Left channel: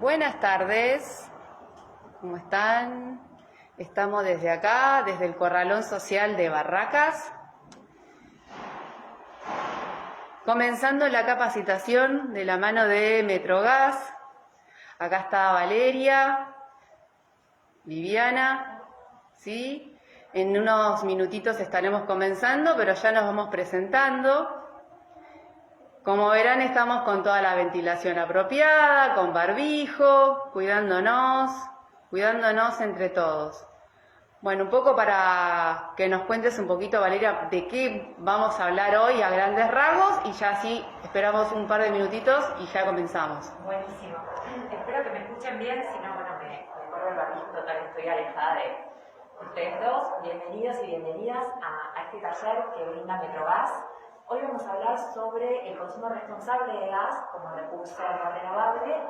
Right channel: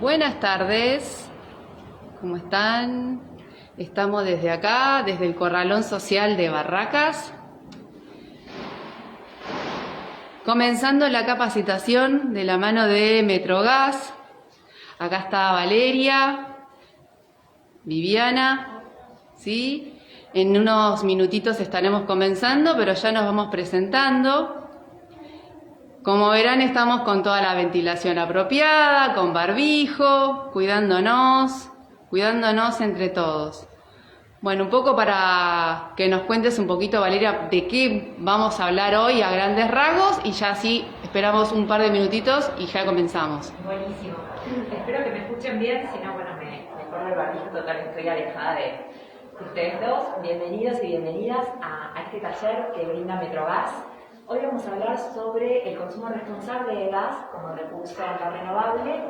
Buenas tardes, ¿cómo están? Estamos desde acá, desde el Corralón Social de Barracas, comenzando la capacitación de la mano de Metrogas. Acá está Valeria, Viviana, ¿sí? En unos minutitos estaremos comenzando, pero ya nos vamos presentando. Como verán, estamos con toda la ventilación apropiada, con barbijo, cuidándonos entre todos. Bueno, un poco para que nos cuentes un poquito, Valeria, de qué vamos a hablar hoy a grandes rasgos y ya así esperamos un par de minutitos y ya comenzamos. Buenísimo. Espero que me escuchen bien, si no, bueno, me corro el barbijo total, estoy alejada de ustedes dos. Bienvenidos y bienvenidas a este taller que brinda Metrogas. Hoy vamos a hablar sobre el consumo responsable de gas como recurso no renovable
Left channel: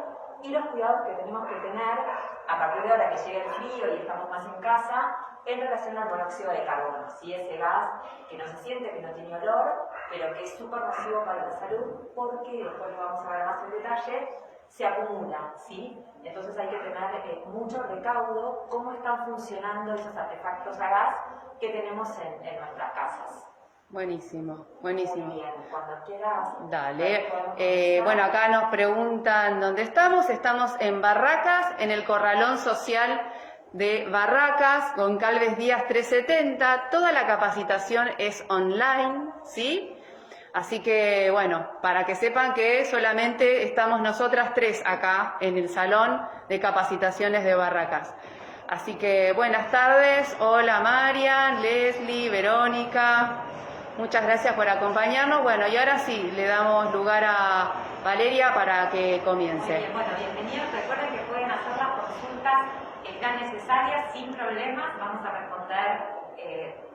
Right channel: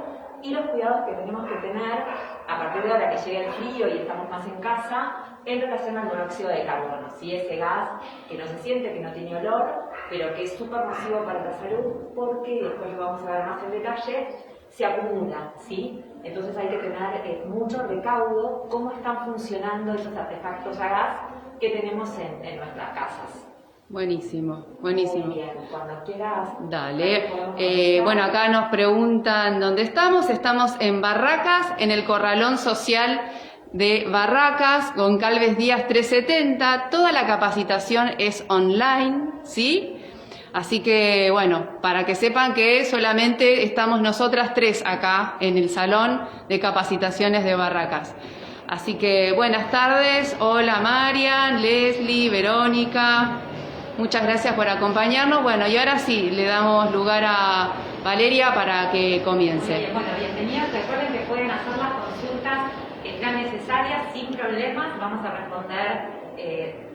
y los cuidados que tenemos que tener a partir de ahora que llegue el frío y estamos más en casa en relación al monóxido de carbono, ¿sí? Ese gas que no se siente, que no tiene olor, pero que es súper nocivo para la salud porque, después lo vamos a ver más en detalle, se acumula, ¿sí? Entonces hay que tener mucho recaudo cómo están funcionando esos artefactos a gas que tenemos en nuestras casas. Buenísimo, buenísimo. Muy bien, cuando quieras. Dale. Bueno, acá nos preguntan dónde estamos. Estamos en Barracas, en el Corralón Social de Barracas, Goncalves Díaz 370. Toda la capacitación es online, ¿sí? Así que, bueno, para que sepan que solamente estamos nosotras tres acá en el Salón de Capacitaciones de Barracas. Así que, buenas tardes. Hola, Marian, Leslie, Verónica. Muchas gracias por acompañarnos. Bueno, y ahora sí, le damos lugar a Valeria para que comience. Muy bien, bueno, bienvenidos. Recuerden que pueden hacer las consultas que sean necesarias sin problemas. Vamos a responder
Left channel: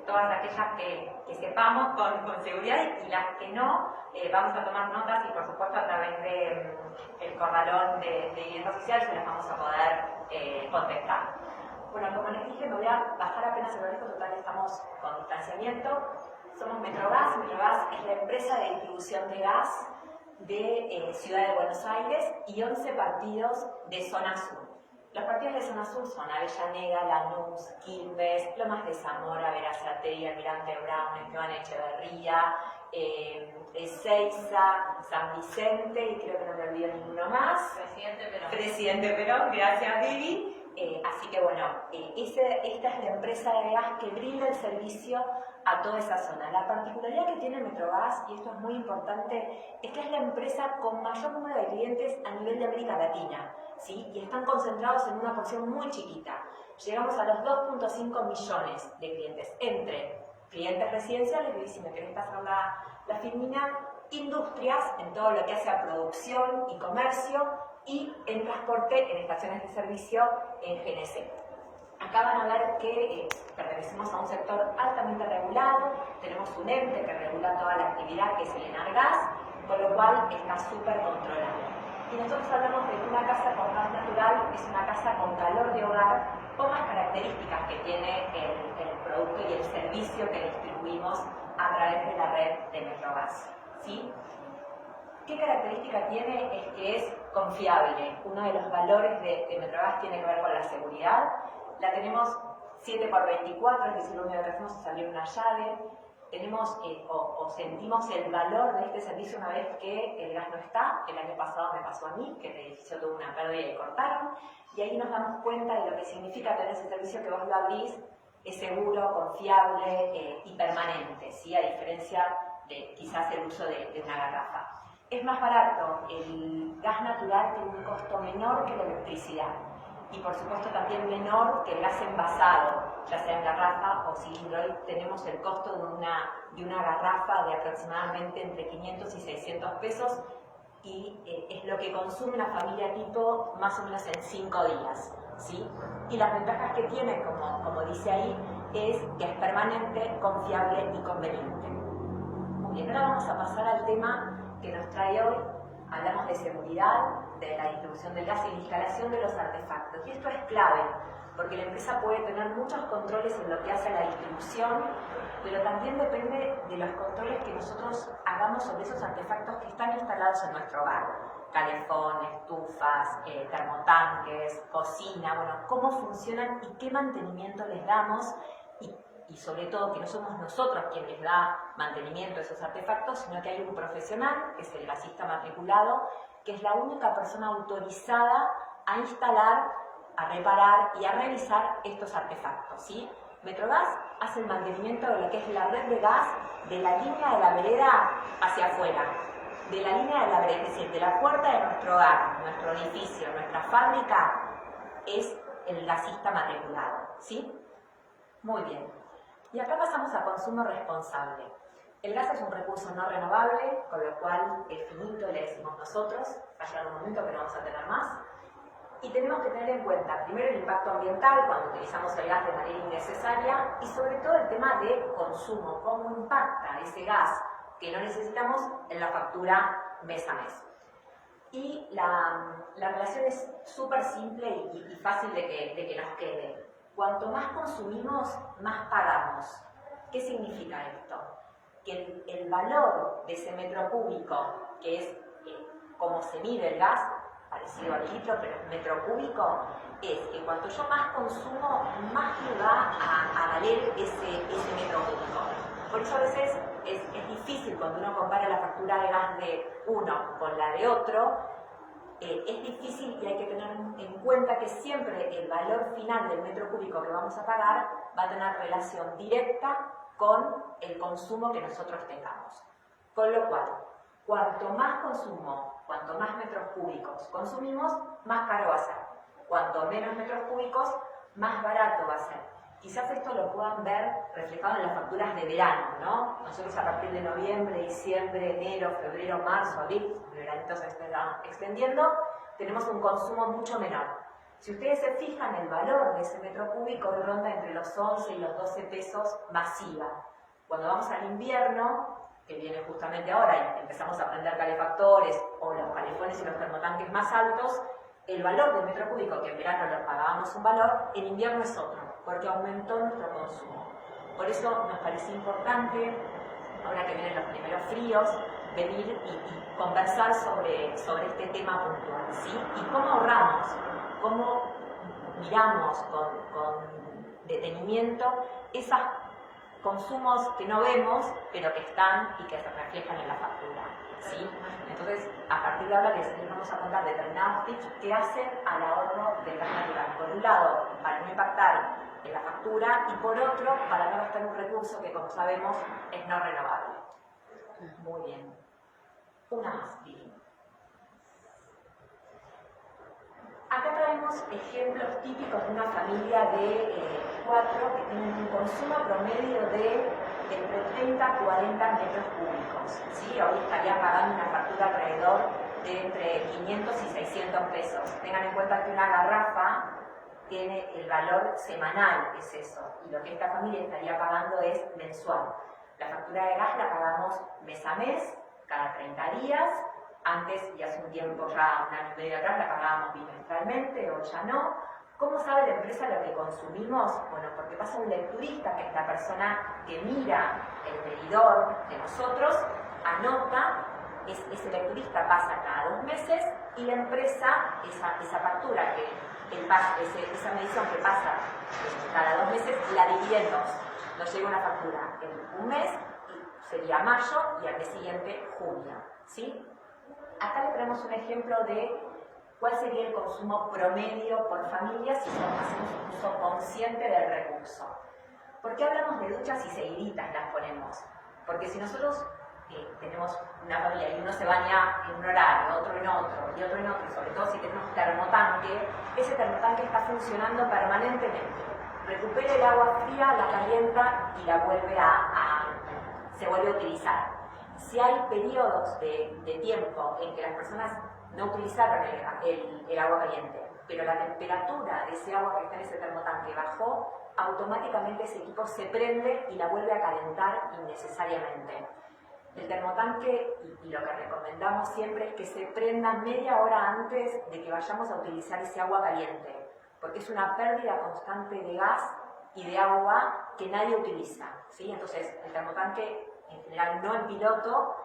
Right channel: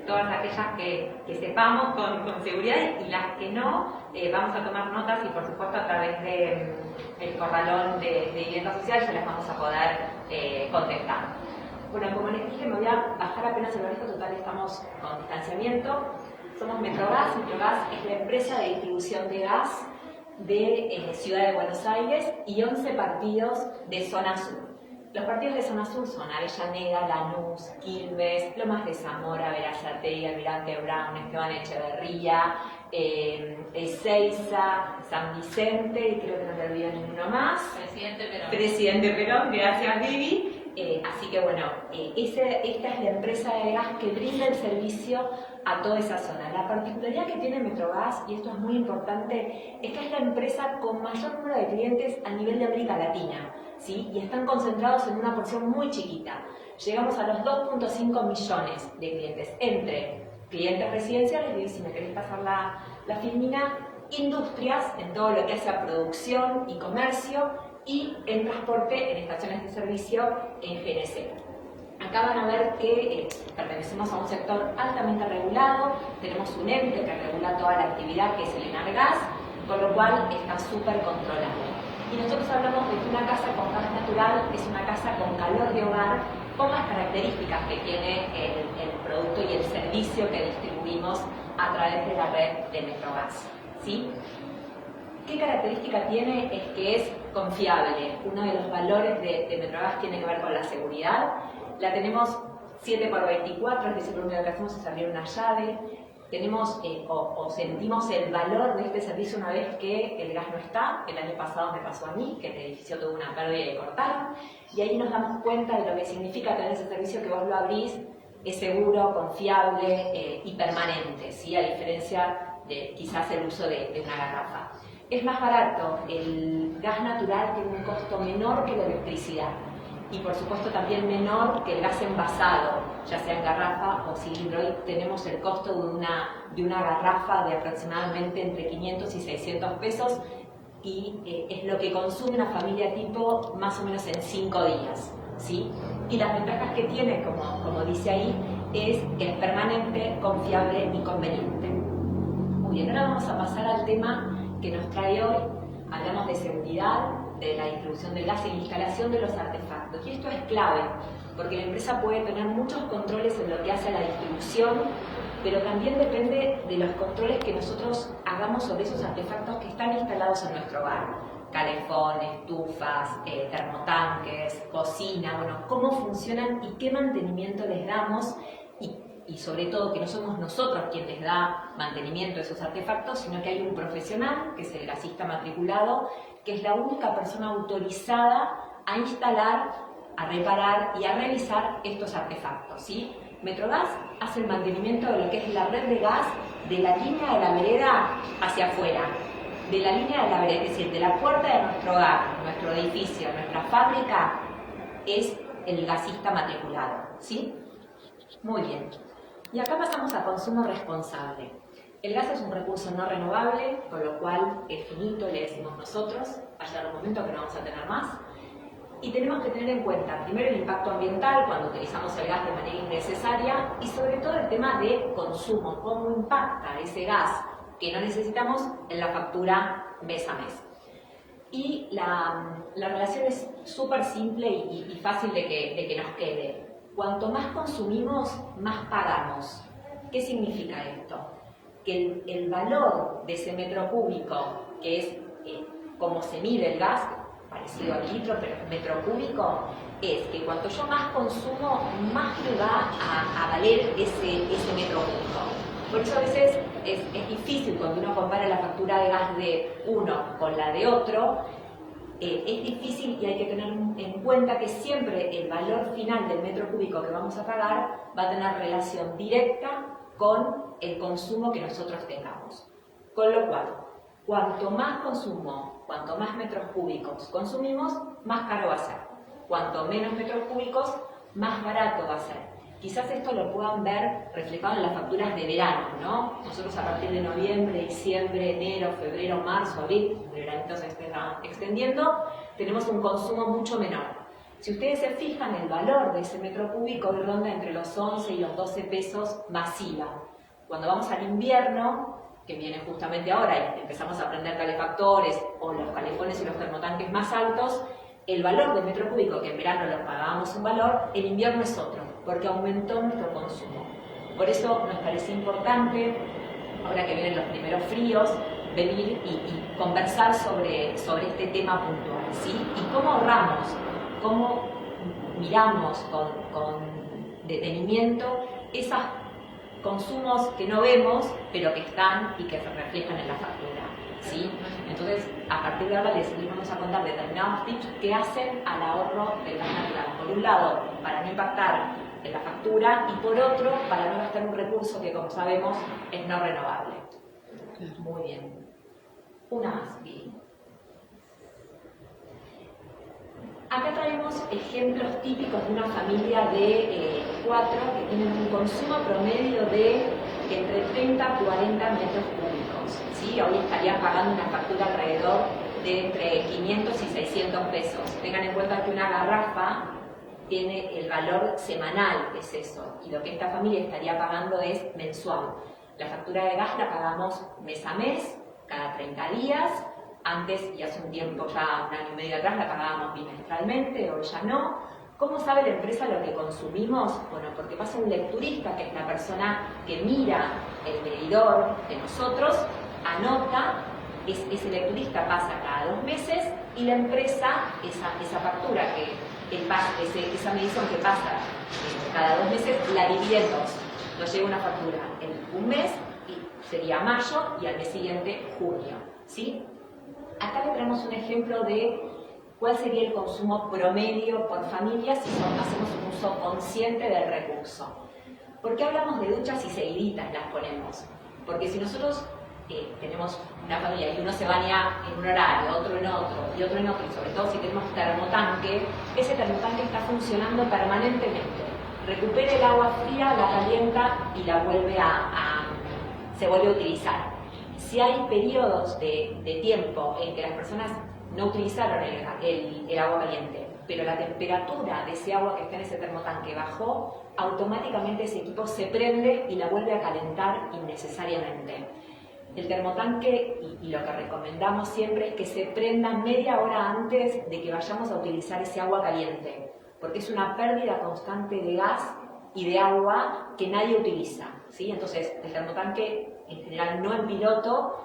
todas aquellas que sepamos con seguridad y las que no, vamos a tomar notas y por supuesto a través del corralón de vivienda social se las vamos a poder contestar. Bueno, como les dije, me voy a bajar apenas el barbijo, total estamos con distanciamiento. Somos Metrogas. Metrogas es la empresa de distribución de gas de Ciudad de Buenos Aires y 11 partidos de Zona Sur. Los partidos de Zona Sur son Avellaneda, Lanús, Quilmes, Lomas de Zamora, Berazategui, Almirante Brown, Esteban Echeverría, Ezeiza, San Vicente, y creo que no me olvido ninguno más. Presidente Perón, gracias Vivi. Así que bueno, esta es la empresa de gas que brinda el servicio a toda esa zona. La particularidad que tiene Metrogas, y esto es muy importante, es que es la empresa con mayor número de clientes a nivel de América Latina, ¿sí? Y están concentrados en una porción muy chiquita. Llegamos a los 2.5 millones de clientes, entre clientes residenciales, y si me querés pasar la filmina, industrias, en todo lo que hace a producción y comercio, y en transporte, en estaciones de servicio en GNC. Acá van a ver que pertenecemos a un sector altamente regulado, tenemos un ente que regula toda la actividad que es el Enargas, con lo cual está súper controlado. Y nosotros hablamos de que una casa con gas natural es una casa con calor de hogar, con las características que tiene el producto y el servicio que distribuimos a través de la red de Metrogas, ¿sí? ¿Qué característica tiene? Es que es confiable. Uno de los valores de Metrogas tiene que ver con la seguridad. La tenemos 7x24, es decir, lo único que hacemos es abrir una llave. Tenemos o sentimos el valor de este servicio una vez que el gas no está. El año pasado me pasó a mí, que el edificio tuvo una pérdida y cortaron. Y ahí nos damos cuenta de lo que significa tener ese servicio, que vos lo abrís, es seguro, confiable y permanente, ¿sí? A diferencia de quizás el uso de una garrafa. Es más barato, el gas natural tiene un costo menor que la electricidad y por supuesto también menor que el gas envasado, ya sea en garrafa o cilindro. Hoy tenemos el costo de una garrafa de aproximadamente entre 500 y 600 pesos y es lo que consume una familia tipo más o menos en 5 días, ¿sí? Y las ventajas que tiene, como dice ahí, es que es permanente, confiable y conveniente. Muy bien, ahora vamos a pasar al tema que nos trae hoy. Hablamos de seguridad, de la distribución del gas y la instalación de los artefactos. Y esto es clave, porque la empresa puede tener muchos controles en lo que hace a la distribución, pero también depende de los controles que nosotros hagamos sobre esos artefactos que están instalados en nuestro hogar. calefón, estufas, termotanques, cocina, bueno, cómo funcionan y qué mantenimiento les damos y sobre todo que no somos nosotros quien les da mantenimiento a esos artefactos, sino que hay un profesional, que es el gasista matriculado, que es la única persona autorizada a instalar, a reparar y a realizar estos artefactos, ¿sí? Metrogas hace el mantenimiento de lo que es la red de gas de la línea de la vereda hacia afuera, de la línea de la vereda, es decir, de la puerta de nuestro hogar, nuestro edificio, nuestra fábrica, es el gasista matriculado, ¿sí? Muy bien. Y acá pasamos a consumo responsable. El gas es un recurso no renovable, con lo cual es finito, le decimos nosotros, va a llegar un momento que no vamos a tener más. Y tenemos que tener en cuenta, primero, el impacto ambiental cuando utilizamos el gas de manera innecesaria y sobre todo el tema de consumo, cómo impacta ese gas que no necesitamos en la factura mes a mes. Y la relación es súper simple y fácil de que nos quede. Cuanto más consumimos, más pagamos. ¿Qué significa esto? Que el valor de ese metro cúbico, que es como se mide el gas, parecido al litro, pero metro cúbico, es que cuanto yo más consumo, más me va a valer ese metro cúbico. Por eso a veces es difícil cuando uno compara la factura de gas de uno con la de otro, es difícil y hay que tener en cuenta que siempre el valor final del metro cúbico que vamos a pagar va a tener relación directa con el consumo que nosotros tengamos. Con lo cual, cuanto más consumo, cuanto más metros cúbicos consumimos, más caro va a ser. Cuanto menos metros cúbicos, más barato va a ser. Quizás esto lo puedan ver reflejado en las facturas de verano, ¿no? Nosotros a partir de noviembre, diciembre, enero, febrero, marzo, abril, el veranito se está extendiendo, tenemos un consumo mucho menor. Si ustedes se fijan, el valor de ese metro cúbico ronda entre los 11 y los 12 pesos masiva. Cuando vamos al invierno, que viene justamente ahora y empezamos a prender calefactores o los calefones y los termotanques más altos, el valor del metro cúbico, que en verano lo pagábamos un valor, en invierno es otro, porque aumentó nuestro consumo. Por eso nos parece importante, ahora que vienen los primeros fríos, venir y conversar sobre este tema puntual, ¿sí? Y cómo ahorramos, cómo miramos con detenimiento esos consumos que no vemos, pero que están y que se reflejan en la factura, ¿sí? Entonces, a partir de ahora les vamos a contar determinados tips que hacen al ahorro del gas natural. Por un lado, para no impactar en la factura y por otro, para no gastar un recurso que, como sabemos, es no renovable. Muy bien. Una más, Vivi. Acá traemos ejemplos típicos de una familia de 4 que tienen un consumo promedio de entre 30 a 40 metros cúbicos. ¿Sí? Hoy estarían pagando una factura alrededor de entre 500 y 600 pesos. Tengan en cuenta que una garrafa tiene el valor semanal, es eso, y lo que esta familia estaría pagando es mensual. La factura de gas la pagamos mes a mes, cada 30 días. Antes, y hace un tiempo, ya un año y medio atrás, la pagábamos bimestralmente, o ya no. ¿Cómo sabe la empresa lo que consumimos? Bueno, porque pasa un lecturista, que es la persona que mira el medidor de nosotros, anota, ese lecturista pasa cada 2 meses y la empresa, esa factura, esa medición que pasa cada 2 meses, la divide en 2. Nos llega una factura en un mes, y sería mayo, y al mes siguiente junio, ¿sí? Acá le traemos un ejemplo de cuál sería el consumo promedio por familia si hacemos un uso consciente del recurso. ¿Por qué hablamos de duchas y seguiditas las ponemos? Porque si nosotros tenemos una familia y uno se baña en un horario, otro en otro, y otro en otro, y sobre todo si tenemos termotanque, ese termotanque está funcionando permanentemente. Recupera el agua fría, la calienta y la se vuelve a utilizar. Si hay periodos de tiempo en que las personas no utilizaron el agua caliente, pero la temperatura de ese agua que está en ese termotanque bajó, automáticamente ese equipo se prende y la vuelve a calentar innecesariamente. El termotanque, y lo que recomendamos siempre, es que se prenda media hora antes de que vayamos a utilizar ese agua caliente, porque es una pérdida constante de gas y de agua que nadie utiliza, ¿sí? Entonces, el termotanque, en general no en piloto,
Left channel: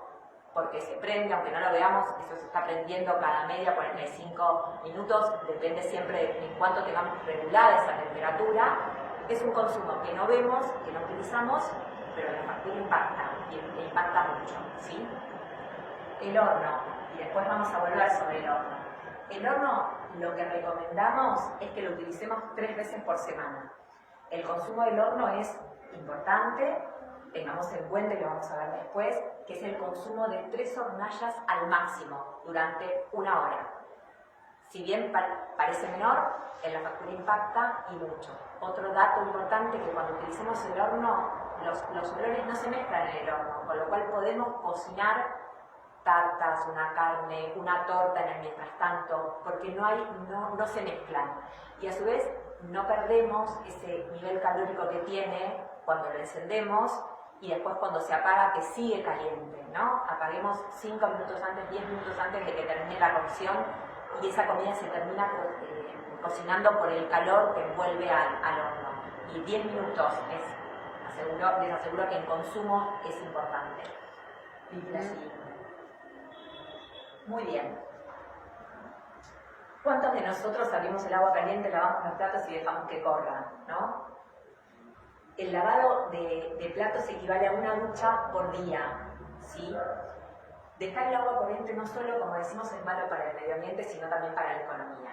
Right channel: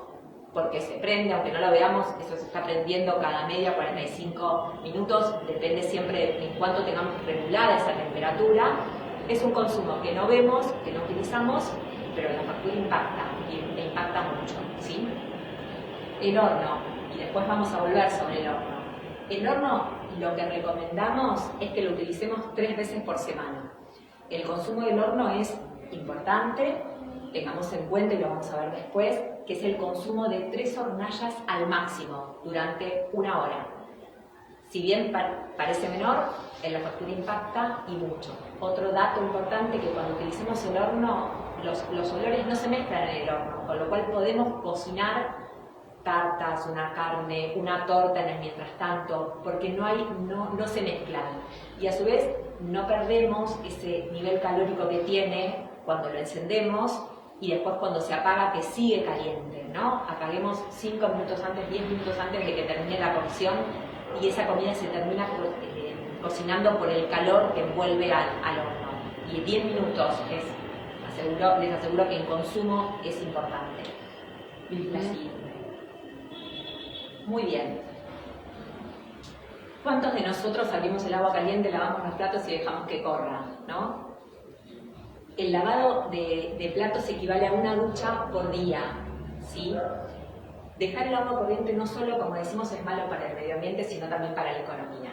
porque se prende, aunque no lo veamos, eso se está prendiendo cada media 45 minutos, depende siempre de en cuánto tengamos regulada esa temperatura. Es un consumo que no vemos, que no utilizamos, pero la factura impacta, y impacta mucho, ¿sí? El horno, y después vamos a volver sobre el horno. El horno, lo que recomendamos es que lo utilicemos 3 veces por semana. El consumo del horno es importante, tengamos en cuenta, y lo vamos a ver después, que es el consumo de 3 hornallas al máximo durante 1 hora. Si bien parece menor, en la factura impacta y mucho. Otro dato importante, que cuando utilicemos el horno, los olores no se mezclan en el horno, con lo cual podemos cocinar tartas, una carne, una torta en el mientras tanto, porque no se mezclan. Y a su vez no perdemos ese nivel calórico que tiene cuando lo encendemos y después cuando se apaga, que sigue caliente, ¿no? Apaguemos 5 minutos antes, 10 minutos antes de que termine la cocción, y esa comida se termina cocinando por el calor que envuelve al horno. Y 10 minutos les aseguro que en consumo es importante. La siguiente. Muy bien. ¿Cuántos de nosotros abrimos el agua caliente, lavamos los platos y dejamos que corra, ¿no? El lavado de platos equivale a una ducha por día, ¿sí? Dejar el agua corriente no solo, como decimos, es malo para el medio ambiente, sino también para la economía.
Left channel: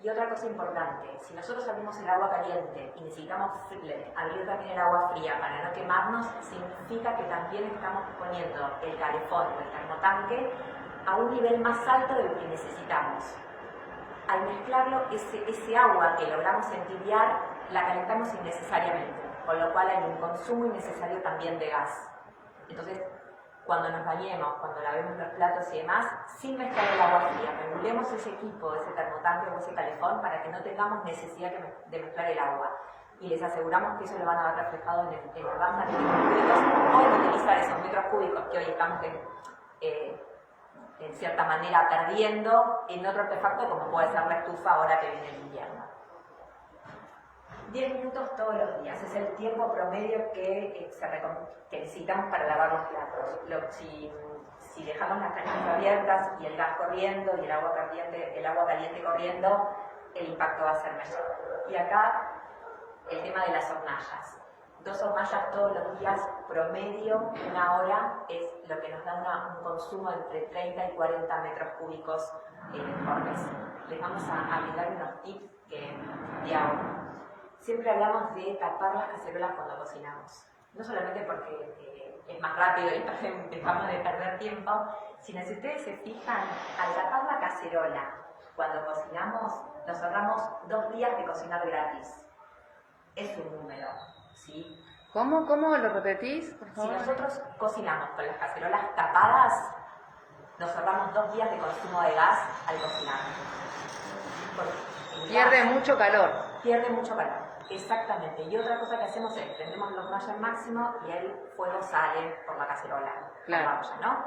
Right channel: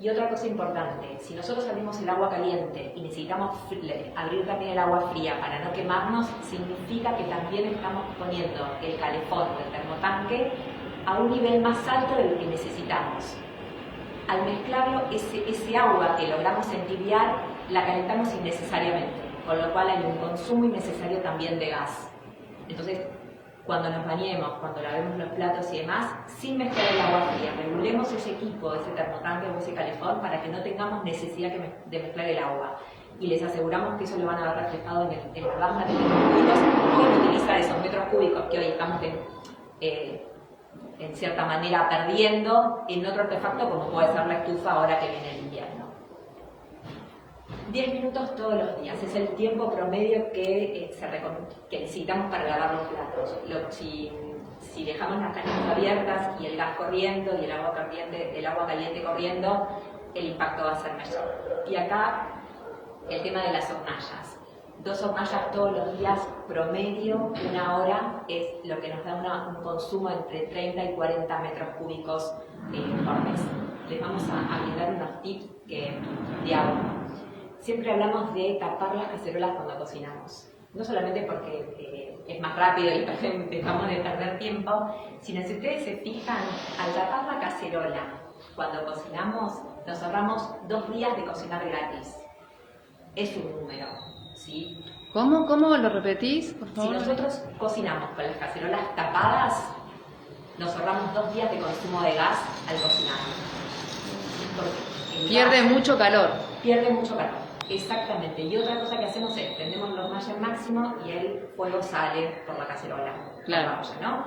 Y otra cosa importante, si nosotros abrimos el agua caliente y necesitamos abrir también el agua fría para no quemarnos, significa que también estamos poniendo el calefón o el termotanque a un nivel más alto de lo que necesitamos. Al mezclarlo, ese agua que logramos entibiar, la calentamos innecesariamente, con lo cual hay un consumo innecesario también de gas. Entonces, cuando nos bañemos, cuando lavemos los platos y demás, sin mezclar el agua fría, regulemos ese equipo, ese termotanque o ese calefón para que no tengamos necesidad de mezclar el agua. Y les aseguramos que eso lo van a ver reflejado en el gas de metros cúbicos, o utilizar esos metros cúbicos que hoy estamos en cierta manera perdiendo en otro artefacto como puede ser la estufa ahora que viene el invierno. 10 minutos todos los días es el tiempo promedio que necesitamos para lavar los platos. Si dejamos las canillas abiertas y el gas corriendo y el agua caliente corriendo, el impacto va a ser mayor. Y acá el tema de las hornallas. 2 hornallas todos los días, promedio, 1 hora, es lo que nos da un consumo entre 30 y 40 metros cúbicos por mes. Les vamos a brindar unos tips de ahorro. Siempre hablamos de tapar las cacerolas cuando cocinamos. No solamente porque es más rápido y dejamos de perder tiempo, sino si ustedes se fijan, al tapar la cacerola cuando cocinamos, nos ahorramos 2 días de cocinar gratis. Es un número, ¿sí? ¿Cómo lo repetís, por favor? Si nosotros cocinamos con las cacerolas tapadas, nos ahorramos 2 días de consumo de gas al cocinar. Pierde mucho calor. Pierde mucho calor, exactamente. Y otra cosa que hacemos es prendemos la hornalla al máximo y el fuego sale por la cacerola. Claro. Por la olla, ¿no?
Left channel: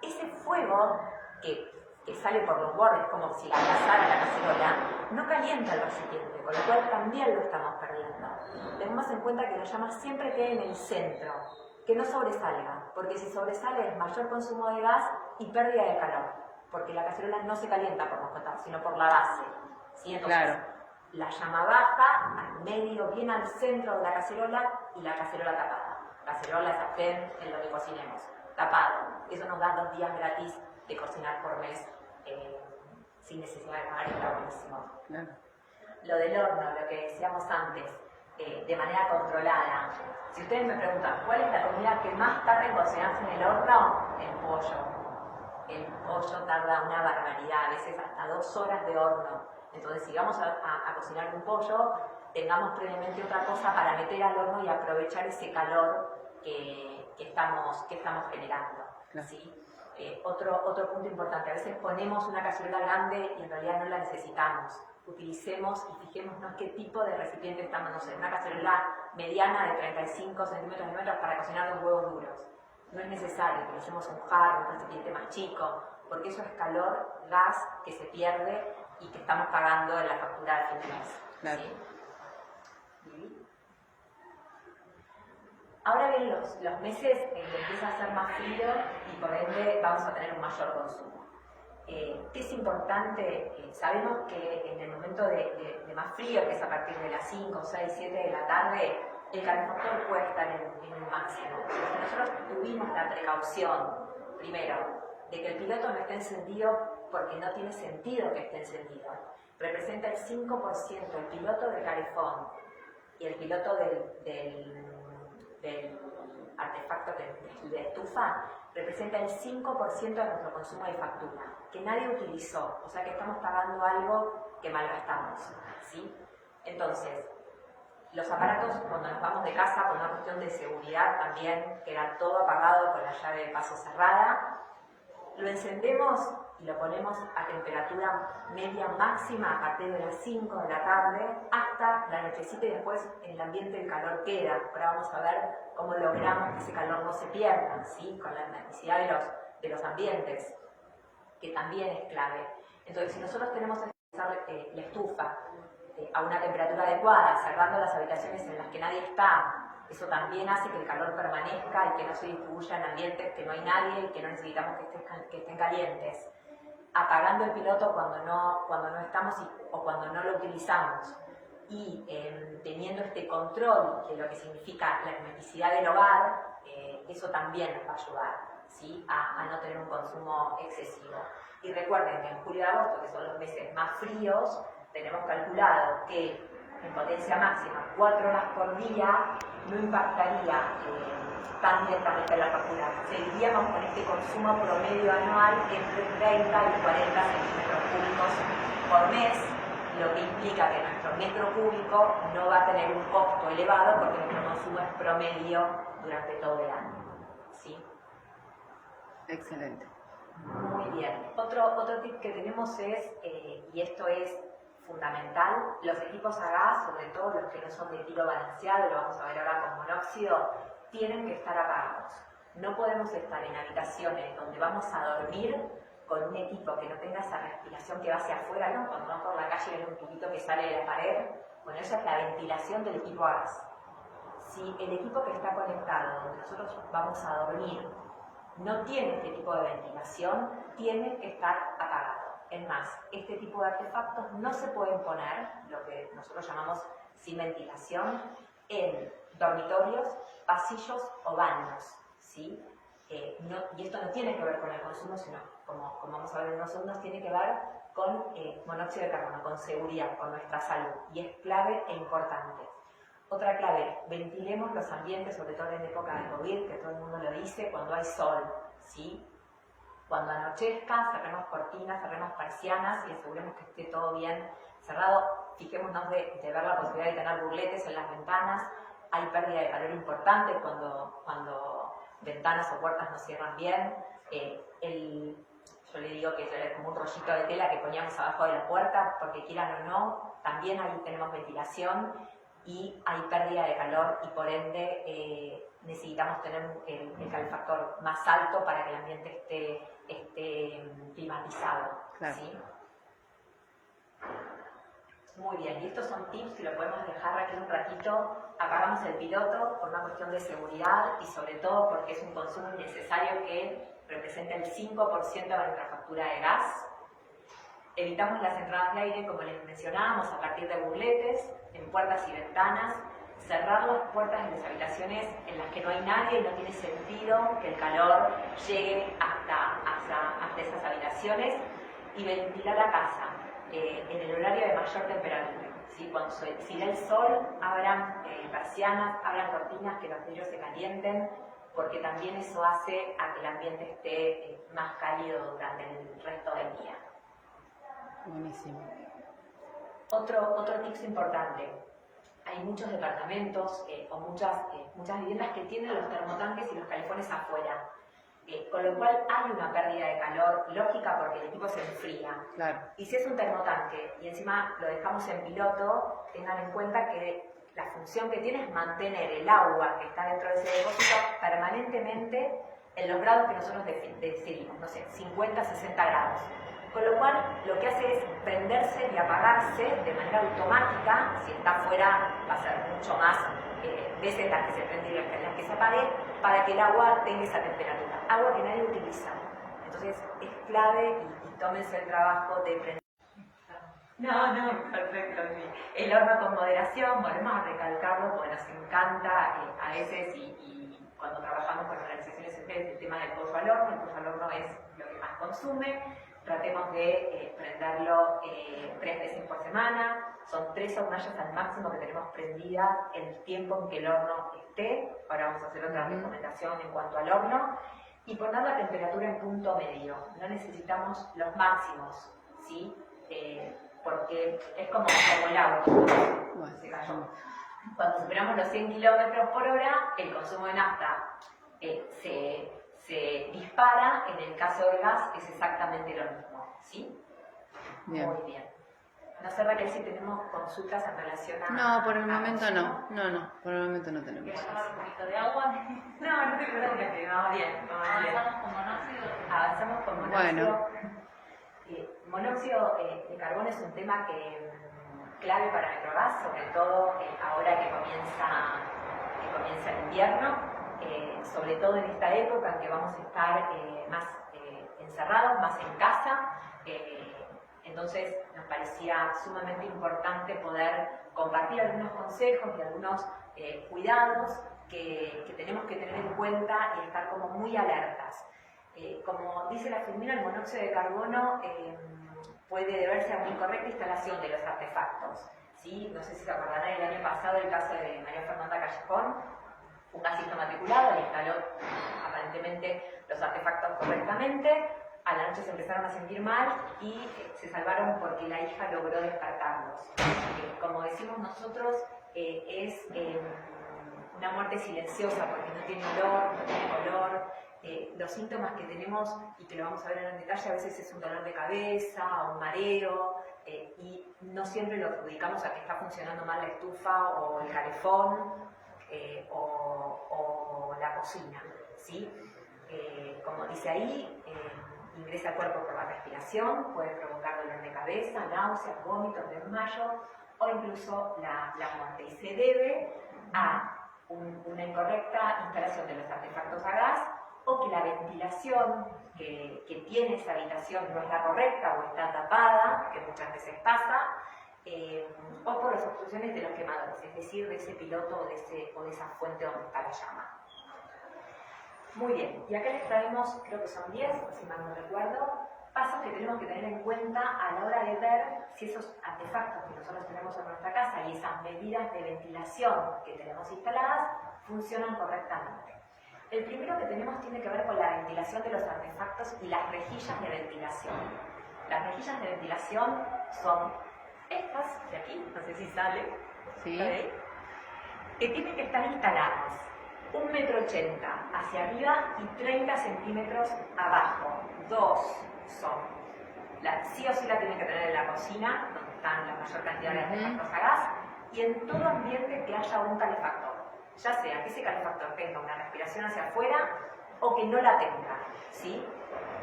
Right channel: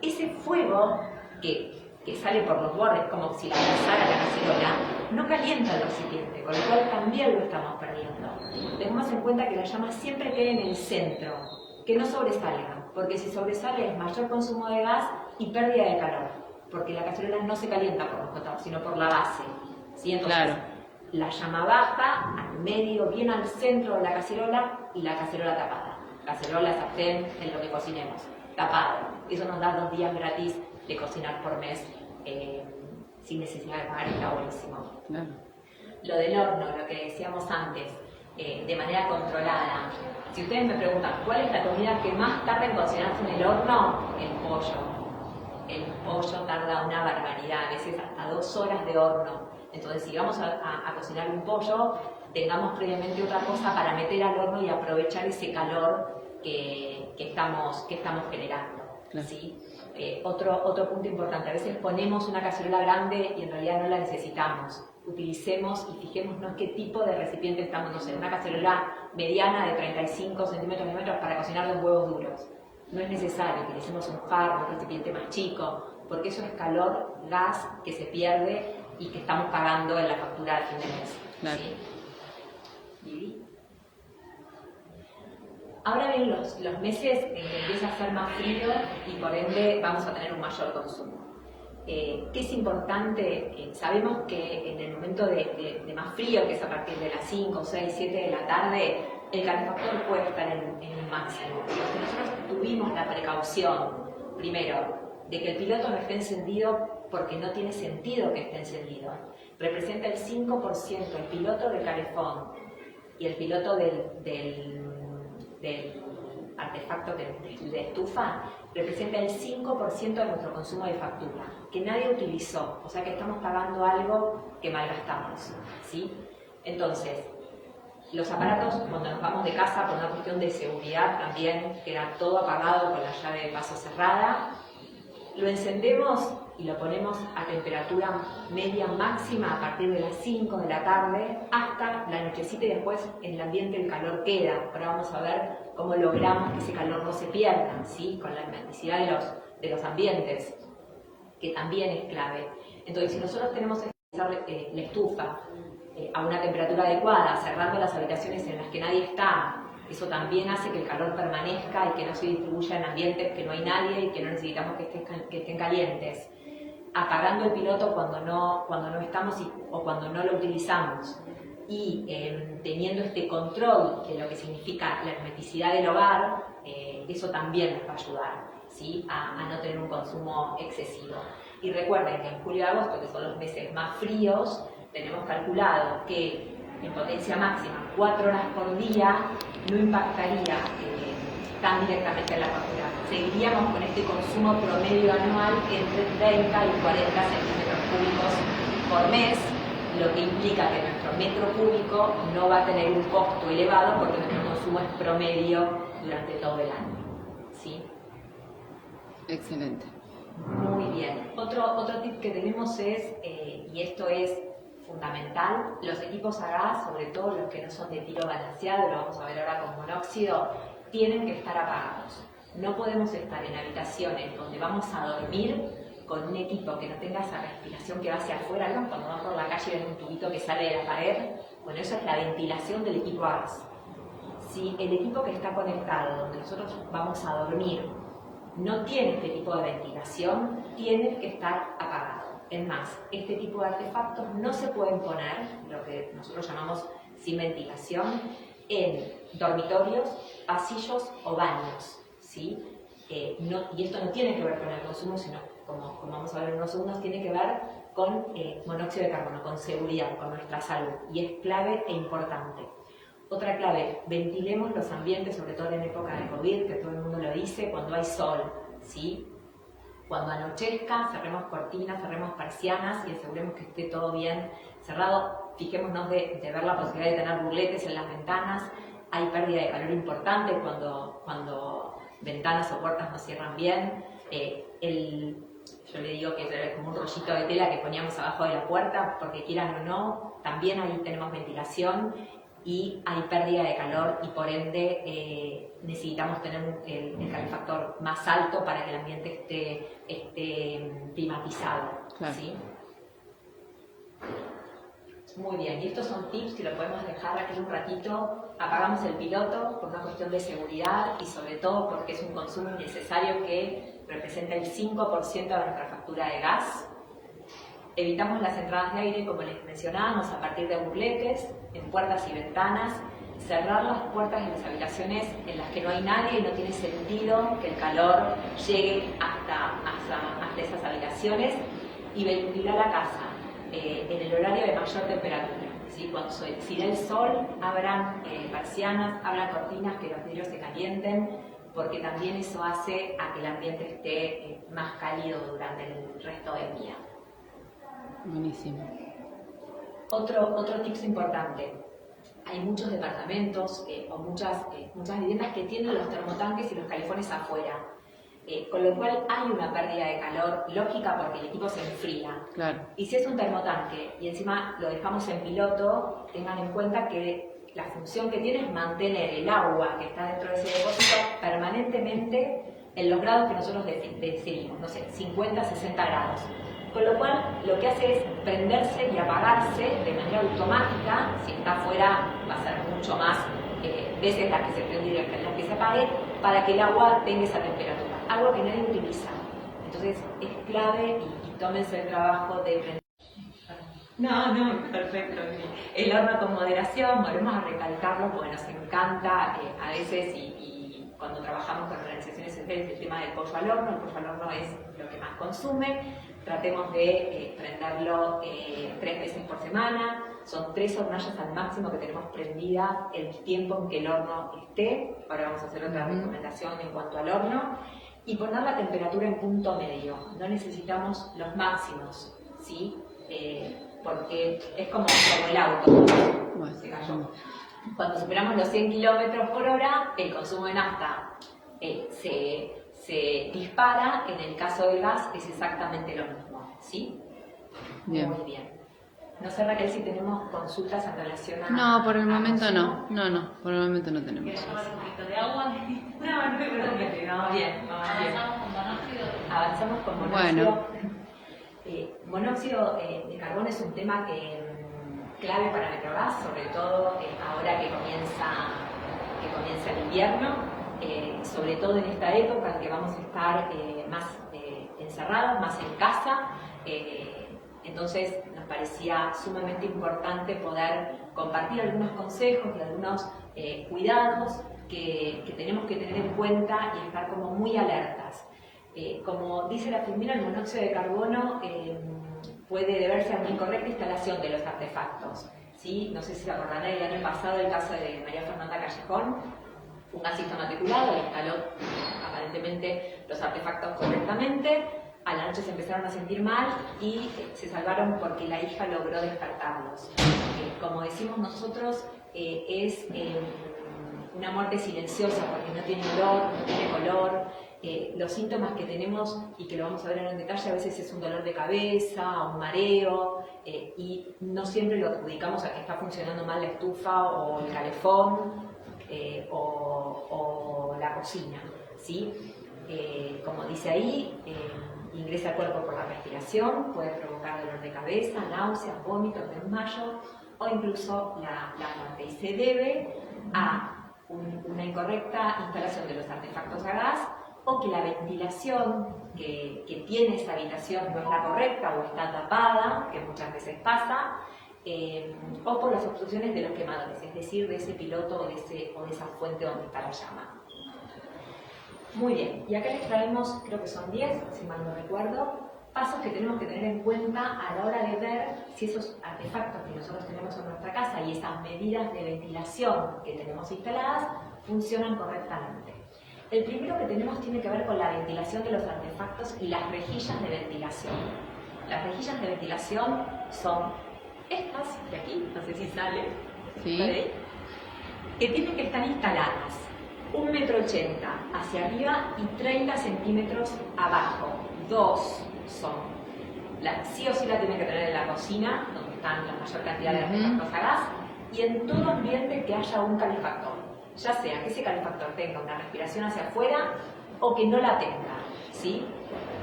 Ese fuego que sale por los bordes, como si la abrazara la cacerola, no calienta el recipiente, con lo cual también lo estamos perdiendo. Tengamos en cuenta que la llama siempre quede en el centro, que no sobresalga, porque si sobresale es mayor consumo de gas y pérdida de calor, porque la cacerola no se calienta por los cotados, sino por la base, ¿sí? Entonces, claro, la llama baja, al medio, bien al centro de la cacerola y la cacerola tapada. Cacerola, sartén, en lo que cocinemos, tapado. Eso nos da 2 días gratis de cocinar por mes sin necesidad de pagar, está buenísimo. Claro. Lo del horno, lo que decíamos antes, de manera controlada. Si ustedes me preguntan, ¿cuál es la comida que más tarda en cocinarse en el horno? El pollo. El pollo tarda una barbaridad, a veces hasta 2 horas de horno. Entonces, si vamos a cocinar un pollo, tengamos previamente otra cosa para meter al horno y aprovechar ese calor que estamos generando. Claro. ¿Sí? Otro punto importante, a veces ponemos una cacerola grande y en realidad no la necesitamos. Utilicemos y fijémonos qué tipo de recipiente estamos, no sé, una cacerola mediana de 35 centímetros para cocinar 2 huevos duros. No es necesario, utilicemos un jarro, un recipiente más chico, porque eso es calor, gas que se pierde y que estamos pagando en la factura al fin de mes. Claro. ¿Sí? Ahora vienen los meses en que empieza a ser más frío y por ende vamos a tener un mayor consumo. ¿Qué es importante? Sabemos que en el momento de más frío, que es a partir de las 5, 6, 7 de la tarde, el calefactor puede estar en un máximo. Nosotros tuvimos la precaución, primero, de que el piloto no esté encendido porque no tiene sentido que esté encendido. Representa el 5% el piloto del calefón y el piloto del artefacto de estufa, representa el 5% de nuestro consumo de factura, que nadie utilizó, o sea que estamos pagando algo que malgastamos, ¿sí? Entonces, los aparatos, cuando nos vamos de casa, por una cuestión de seguridad también, que era todo apagado con la llave de paso cerrada, lo encendemos y lo ponemos a temperatura media máxima a partir de las 5 de la tarde hasta la nochecita y después en el ambiente el calor queda. Ahora vamos a ver cómo logramos que ese calor no se pierda, ¿sí? Con la hermeticidad de los ambientes, que también es clave. Entonces, si nosotros tenemos que utilizar la estufa a una temperatura adecuada, cerrando las habitaciones en las que nadie está, eso también hace que el calor permanezca y que no se distribuya en ambientes que no hay nadie y que no necesitamos que estén calientes. Apagando el piloto cuando no estamos o cuando no lo utilizamos y teniendo este control de lo que significa la hermeticidad del hogar, eso también nos va a ayudar, ¿sí? a no tener un consumo excesivo. Y recuerden que en julio y agosto, que son los meses más fríos, tenemos calculado que en potencia máxima 4 horas por día no impactaría tan directamente en la factura. Seguiríamos con este consumo promedio anual entre 30 y 40 centímetros cúbicos por mes, lo que implica que nuestro metro cúbico no va a tener un costo elevado porque nuestro consumo es promedio durante todo el año, ¿sí? Excelente. Muy bien. Otro tip que tenemos es, y esto es fundamental, los equipos a gas, sobre todo los que no son de tiro balanceado, lo vamos a ver ahora con monóxido, tienen que estar apagados. No podemos estar en habitaciones donde vamos a dormir con un equipo que no tenga esa respiración que va hacia afuera, ¿no? Cuando vas por la calle y ves un tubito que sale de la pared, bueno, eso es la ventilación del equipo a gas. Si el equipo que está conectado, donde nosotros vamos a dormir, no tiene este tipo de ventilación, tiene que estar apagado. Es más, este tipo de artefactos no se pueden poner, lo que nosotros llamamos sin ventilación, en dormitorios, pasillos o baños, ¿sí? Y esto no tiene que ver con el consumo, sino, como vamos a ver en unos segundos, tiene que ver con monóxido de carbono, con seguridad, con nuestra salud, y es clave e importante. Otra clave, ventilemos los ambientes, sobre todo en época de COVID, que todo el mundo lo dice, cuando hay sol, ¿sí? Cuando anochezca, cerremos cortinas, cerremos persianas y aseguremos que esté todo bien cerrado. Fijémonos de ver la posibilidad de tener burletes en las ventanas. Hay pérdida de calor importante cuando ventanas o puertas no cierran bien. Yo le digo que es como un rollito de tela que poníamos abajo de la puerta, porque quieran o no, también ahí tenemos ventilación y hay pérdida de calor y por ende necesitamos tener el calefactor más alto para que el ambiente esté climatizado. Claro. ¿Sí? Muy bien, y estos son tips que lo podemos dejar aquí un ratito. Apagamos el piloto por una cuestión de seguridad y sobre todo porque es un consumo innecesario que representa el 5% de nuestra factura de gas. Evitamos las entradas de aire, como les mencionábamos, a partir de burletes, en puertas y ventanas. Cerrar las puertas de las habitaciones en las que no hay nadie y no tiene sentido que el calor llegue hasta esas habitaciones. Y ventilar la casa en el horario de mayor temperatura, ¿sí? Cuando si da el sol, abran persianas, abran cortinas, que los vidrios se calienten, porque también eso hace a que el ambiente esté más cálido durante el resto del día. Buenísimo. Otro tips importante. Hay muchos departamentos o muchas viviendas que tienen los termotanques y los calefones afuera. Con lo cual hay una pérdida de calor lógica porque el equipo se enfría. Claro. Y si es un termotanque y encima lo dejamos en piloto, tengan en cuenta que la función que tiene es mantener el agua que está dentro de ese depósito permanentemente en los grados que nosotros decidimos, no sé, 50, 60 grados. Con lo cual, lo que hace es prenderse y apagarse de manera automática. Si está afuera, va a ser mucho más veces la que se prende y la que se apague, para que el agua tenga esa temperatura. Agua que nadie utiliza. Entonces es clave y tómense el trabajo de prender. No, perfecto. El horno con moderación, volvemos a recalcarlo porque nos encanta a veces y cuando trabajamos con organizaciones sociales el tema del pollo al horno. El pollo al horno es lo que más consume. Tratemos de prenderlo 3 veces por semana. Son 3 hornallas al máximo que tenemos prendidas el tiempo en que el horno esté. Ahora vamos a hacer otra recomendación en cuanto al horno. Y poner la temperatura en punto medio. No necesitamos los máximos, ¿sí? Porque es como el auto. Bueno, se cayó. Cuando superamos los 100 km/h, el consumo de nafta se dispara. En el caso del gas es exactamente lo mismo, ¿sí? Bien. Muy bien. No sé, Raquel, si tenemos consultas en relación a... No, por el momento no. No, por el momento no tenemos. ¿Quieres tomar un poquito de agua? No, vamos bien. ¿Avanzamos con monóxido? Avanzamos con monóxido. Bueno. Monóxido de carbono es un tema clave para Metrogas, sobre todo ahora que comienza el invierno, sobre todo en esta época en que vamos a estar más encerrados, más en casa. Entonces nos parecía sumamente importante poder compartir algunos consejos y algunos cuidados que tenemos que tener en cuenta y estar como muy alertas. Como dice la FIMINA, el monóxido de carbono puede deberse a una incorrecta instalación de los artefactos, ¿sí? No sé si se acordarán el año pasado el caso de María Fernanda Callejón, un gasista matriculado, le instaló aparentemente los artefactos correctamente, a la noche se empezaron a sentir mal y se salvaron porque la hija logró despertarlos. Como decimos nosotros, es una muerte silenciosa porque no tiene olor, no tiene color. Los síntomas que tenemos, y que lo vamos a ver en detalle, a veces es un dolor de cabeza, un mareo, y no siempre lo adjudicamos a que está funcionando mal la estufa o el calefón o la cocina, ¿sí? Como dice ahí, ingresa al cuerpo por la respiración, puede provocar dolor de cabeza, náuseas, vómitos, desmayo o incluso la muerte, y se debe a una incorrecta instalación de los artefactos a gas, o que la ventilación que tiene esa habitación no es la correcta o está tapada, que muchas veces pasa, o por las obstrucciones de los quemadores, es decir, de ese piloto o de esa fuente donde está la llama. Muy bien, y acá les traemos, creo que son 10, si mal no recuerdo, pasos que tenemos que tener en cuenta a la hora de ver si esos artefactos que nosotros tenemos en nuestra casa y esas medidas de ventilación que tenemos instaladas funcionan correctamente. El primero que tenemos tiene que ver con la ventilación de los artefactos y las rejillas de ventilación. Las rejillas de ventilación son estas de aquí, no sé si sale, sí, que tienen que estar instaladas 1,80 m hacia arriba y 30 centímetros abajo. 2 son. Sí o sí la tienen que tener en la cocina, donde están la mayor cantidad de artefactos a gas, y en todo ambiente que haya un calefactor. Ya sea que ese calefactor tenga una respiración hacia afuera o que no la tenga, ¿sí?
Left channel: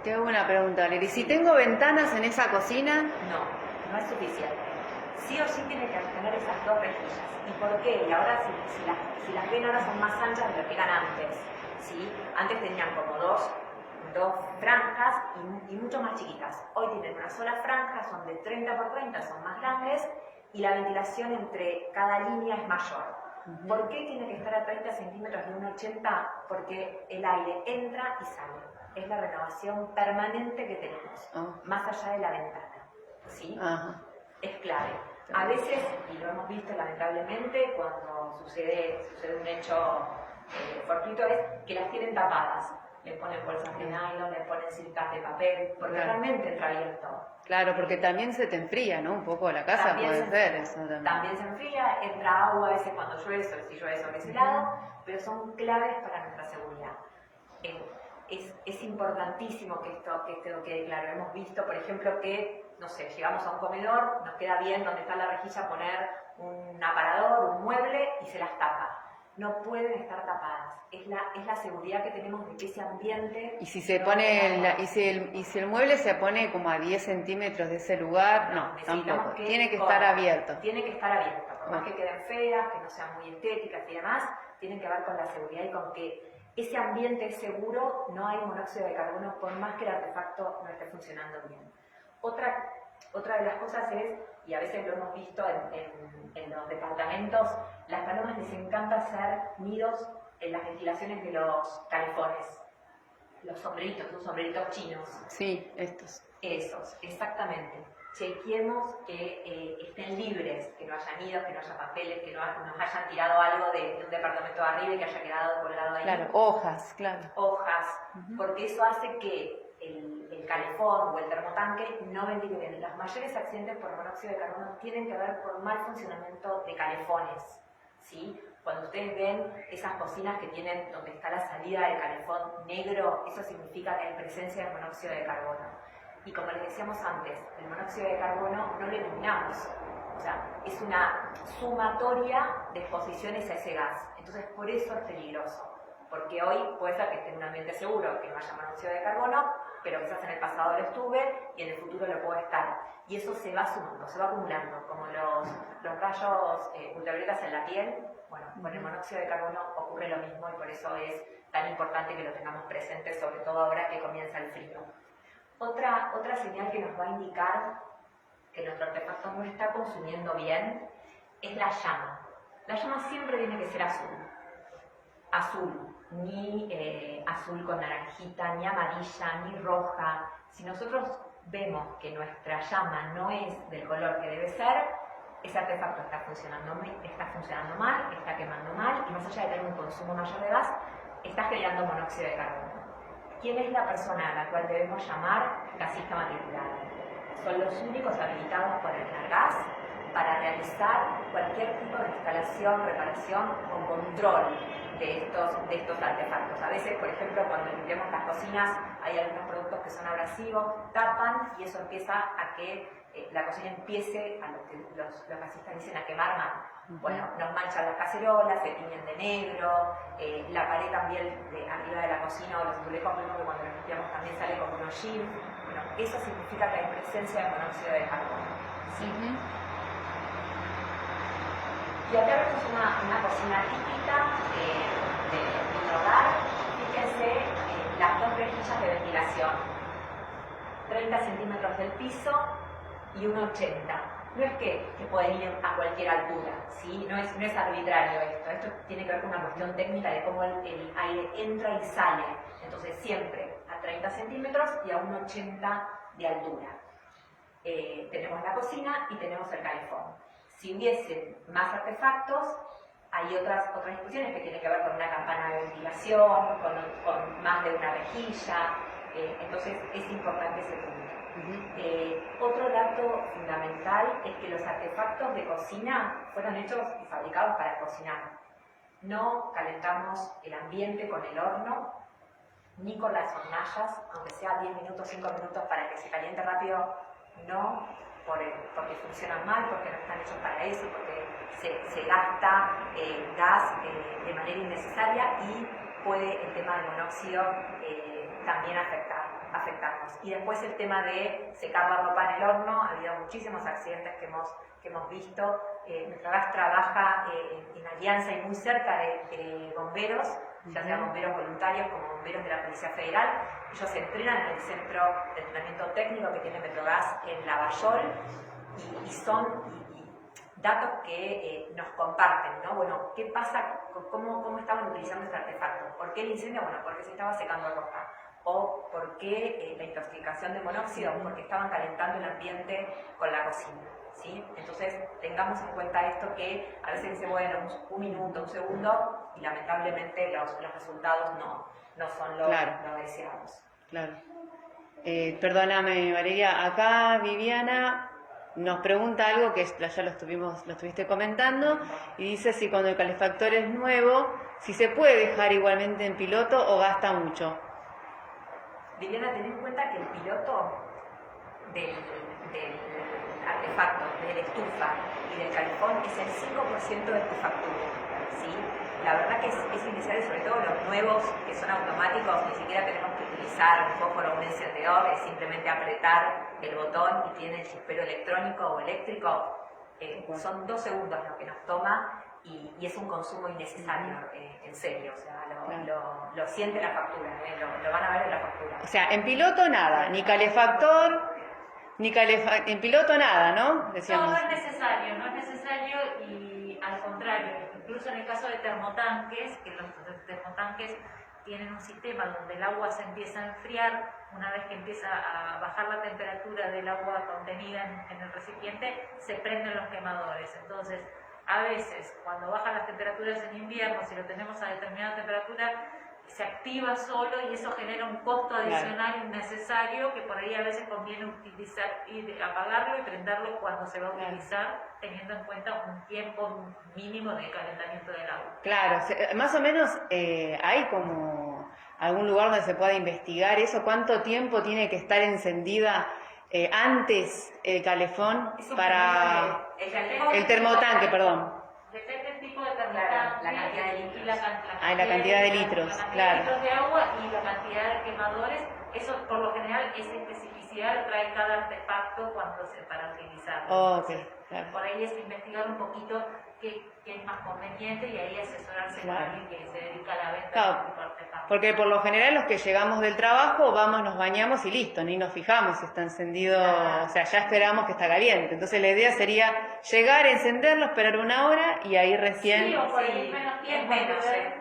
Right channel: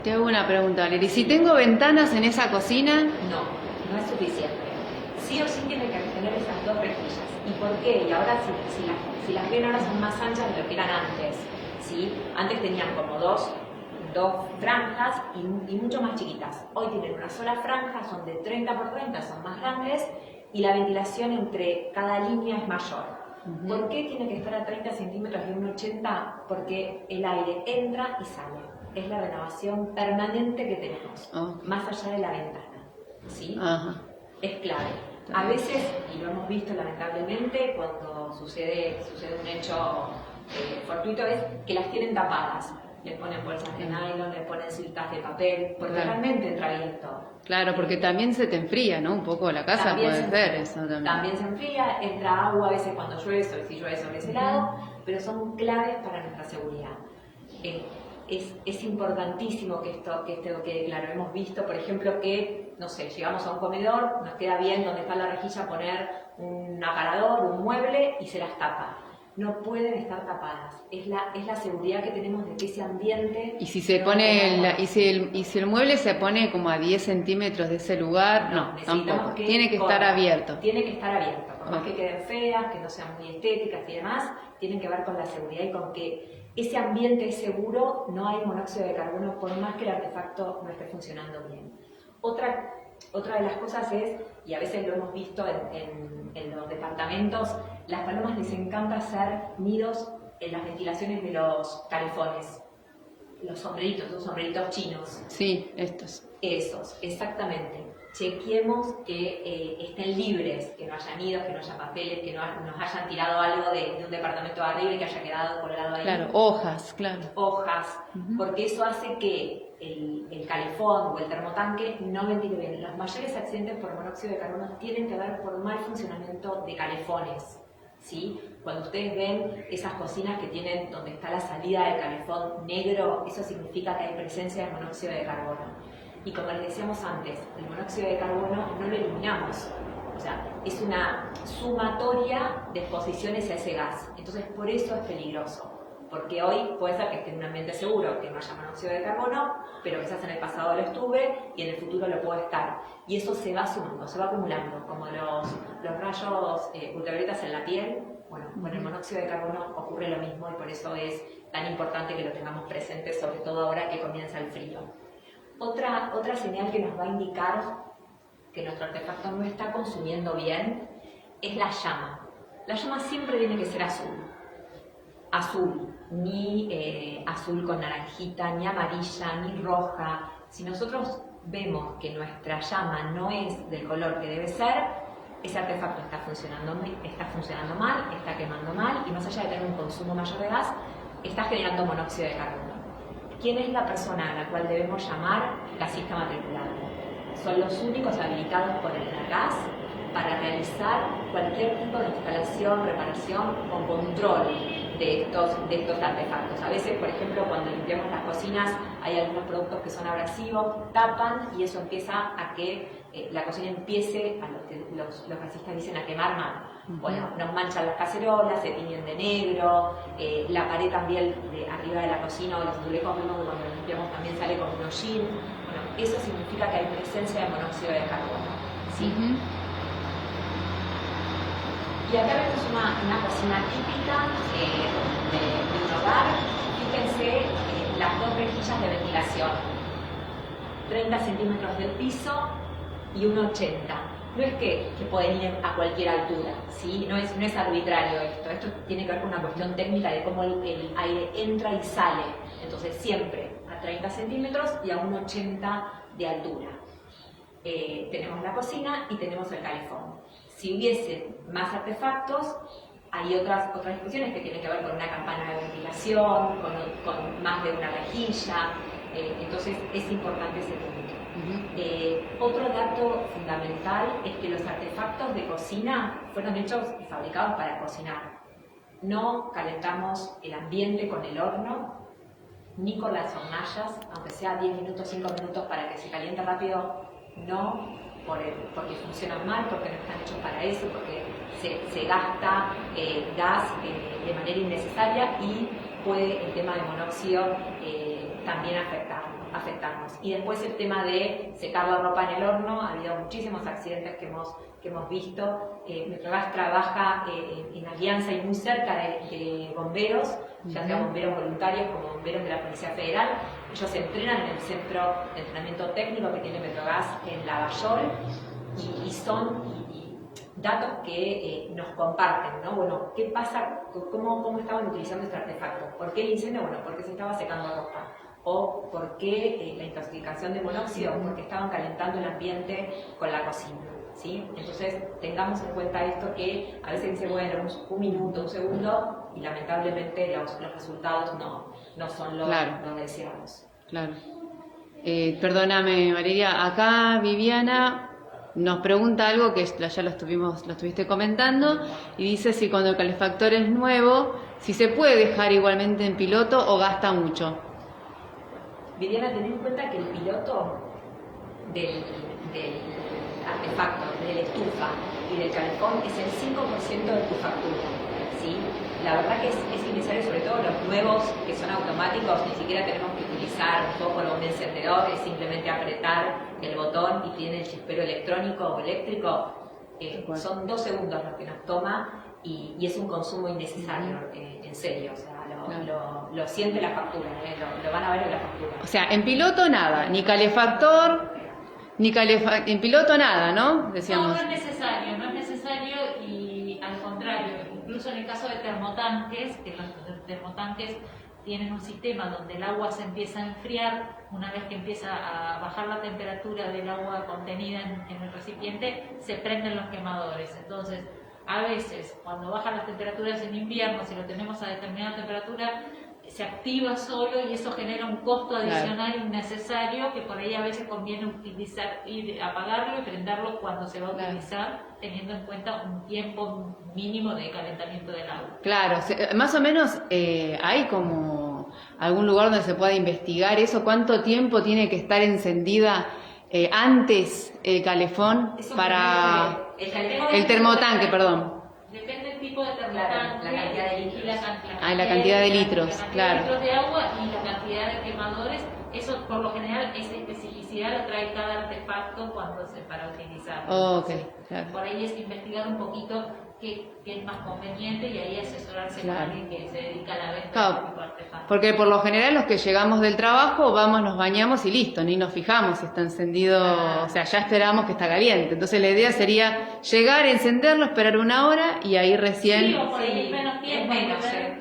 Te hago una pregunta, Leri. Si tengo ventanas en esa cocina... No es suficiente. Sí o sí tiene que tener esas 2 rejillas. ¿Y por qué? Y ahora si las ven ahora son más anchas de lo que eran antes, ¿sí? Antes tenían como dos franjas y mucho más chiquitas. Hoy tienen una sola franja, son de 30 por 30, son más grandes, y la ventilación entre cada línea es mayor. ¿Por qué tiene que estar a 30 centímetros de 1,80? Porque el aire entra y sale. Es la renovación permanente que tenemos, más allá de la ventana, ¿sí? Es clave. A veces, y lo hemos visto lamentablemente, cuando sucede un hecho fortuito, es que las tienen tapadas. Le ponen bolsas de nylon, le ponen cintas de papel, porque realmente entra viento. Claro, porque también se te enfría, ¿no? Un poco la casa, puede ser eso también. También se enfría, entra agua a veces cuando llueve, si llueve sobre ese lado, pero son claves para nuestra seguridad. Es importantísimo que esto quede claro. Hemos visto, por ejemplo, que, no sé, llegamos a un comedor, nos queda bien donde está la rejilla poner un aparador, un mueble y se las tapa. no pueden estar tapadas. Es la seguridad que tenemos de que ese ambiente... Y si se pone, y si el mueble se pone como a 10 centímetros de ese lugar, no, tampoco. Tiene que estar abierto. Tiene que estar abierto, por más que queden feas, que no sean muy estéticas y demás, tienen que ver con la seguridad y con que ese ambiente es seguro, no hay monóxido de carbono, por más que el artefacto no esté funcionando bien. Otra de las cosas es, y a veces lo hemos visto en los departamentos, las palomas les encanta hacer nidos en las ventilaciones de los calefones. Los sombreritos chinos. Sí, estos. Esos, exactamente. Chequeemos que estén libres, que no haya nidos, que no haya papeles, que no nos hayan tirado algo de un departamento de arriba y que haya quedado colgado ahí. Claro, hojas, claro. Hojas, porque eso hace que el calefón o el termotanque no ventile bien. Los mayores accidentes por monóxido de carbono tienen que ver por mal funcionamiento de calefones, ¿sí? Cuando ustedes ven esas cocinas que tienen donde está la salida del calefón negro, eso significa que hay presencia de monóxido de carbono. Y como les decíamos antes, el monóxido de carbono no lo eliminamos. O sea, es una sumatoria de exposiciones a ese gas. Entonces, por eso es peligroso. Porque hoy puede ser que esté en un ambiente seguro, que no haya monóxido de carbono, pero quizás en el pasado lo estuve y en el futuro lo puede estar. Y eso se va sumando, se va acumulando, como los rayos ultravioletas en la piel. Bueno, con el monóxido de carbono ocurre lo mismo y por eso es tan importante que lo tengamos presente, sobre todo ahora que comienza el frío. Otra señal que nos va a indicar que nuestro artefacto no está consumiendo bien es la llama. La llama siempre tiene que ser azul. Azul, ni azul con naranjita, ni amarilla, ni roja. Si nosotros vemos que nuestra llama no es del color que debe ser, ese artefacto está funcionando mal, está quemando mal y más allá de tener un consumo mayor de gas, está generando monóxido de carbono. ¿Quién es la persona a la cual debemos llamar gasista matriculado? Son los únicos habilitados por el gas para realizar cualquier tipo de instalación, reparación o control de estos artefactos. A veces, por ejemplo, cuando limpiamos las cocinas hay algunos productos que son abrasivos, tapan y eso empieza a que la cocina empiece, a lo que los gasistas dicen, a quemar mal. Bueno, nos manchan las cacerolas, se tiñen de negro, la pared también de arriba de la cocina o de los azulejos, vemos que cuando la limpiamos también sale como un hollín. Bueno, eso significa que hay presencia de monóxido de carbono. ¿Sí? Y acá vemos una cocina típica de un hogar. Fíjense las dos rejillas de ventilación, 30 centímetros del piso y 1,80. No es que pueden ir a cualquier altura, ¿sí? No es arbitrario esto. Esto tiene que ver con una cuestión técnica de cómo el aire entra y sale. Entonces siempre a 30 centímetros y a 1,80 de altura. Tenemos la cocina y tenemos el calefón. Si hubiese más artefactos, hay otras discusiones que tienen que ver con una campana de ventilación, con más de una rejilla. Entonces es importante ese punto. Otro dato fundamental es que los artefactos de cocina fueron hechos y fabricados para cocinar. No calentamos el ambiente con el horno, ni con las hornallas, aunque sea 10 minutos, 5 minutos para que se caliente rápido, no, porque funcionan mal, porque no están hechos para eso, porque se gasta gas de manera innecesaria y puede el tema del monóxido también afectarnos. Y después el tema de secar la ropa en el horno, ha habido muchísimos accidentes que hemos visto. Metrogas trabaja en alianza y muy cerca de bomberos, ya sea bomberos voluntarios como bomberos de la Policía Federal. Ellos se entrenan en el centro de entrenamiento técnico que tiene Metrogas en Lavallol y son datos que nos comparten, ¿no? Bueno, ¿qué pasa? ¿Cómo estaban utilizando este artefacto? ¿Por qué el incendio? Bueno, porque se estaba secando ropa. ¿O por qué la intoxicación de monóxido? Porque estaban calentando el ambiente con la cocina, ¿sí? Entonces, tengamos en cuenta esto que a veces dice, bueno, un minuto, un segundo, y lamentablemente los resultados no son los deseados. Claro. Perdóname, María, acá Viviana nos pregunta algo que ya lo estuviste comentando, y dice si cuando el calefactor es nuevo, si se puede dejar igualmente en piloto o gasta mucho. Viviana, ten en cuenta que el piloto del artefacto, de la estufa y del calefón es el 5% de tu factura. ¿sí? La verdad que es innecesario, sobre todo los nuevos que son automáticos, ni siquiera tenemos que utilizar un fósforo o un encendedor, es simplemente apretar el botón y tiene el chispero electrónico o eléctrico. Son 2 segundos lo que nos toma y es un consumo innecesario, en serio, o sea, lo siente la factura, lo van a ver en la factura. O sea, en piloto nada, ni calefactor, en piloto nada, ¿no? Decíamos. No es necesario, y al contrario, incluso en el caso de termotanques, que los termotanques tienen un sistema donde el agua se empieza a enfriar, una vez que empieza a bajar la temperatura del agua contenida en el recipiente, se prenden los quemadores. Entonces, a veces, cuando bajan las temperaturas en invierno, si lo tenemos a determinada temperatura, se activa solo y eso genera un costo adicional innecesario que por ahí a veces conviene utilizar, apagarlo y prenderlo cuando se va a utilizar, teniendo en cuenta un tiempo mínimo de calentamiento del agua. Claro, más o menos hay como algún lugar donde se pueda investigar eso, cuánto tiempo tiene que estar encendida antes el calefón para el termotanque, perdón. Depende del tipo de termotanque, la cantidad de litros. La cantidad de litros, claro. La cantidad de litros de agua y la cantidad de quemadores. Eso por lo general, esa especificidad le trae cada artefacto para utilizarlo. Oh, okay, claro. Por ahí es investigar un poquito qué es más conveniente y ahí asesorarse con alguien que se dedica a la venta de este tipo de artefactos. Porque por lo general los que llegamos del trabajo vamos, nos bañamos y listo, ni nos fijamos si está encendido, o sea, ya esperamos que está caliente. Entonces la idea sería llegar, encenderlo, esperar 1 hora y ahí recién... Sí, o por ahí menos tiempo.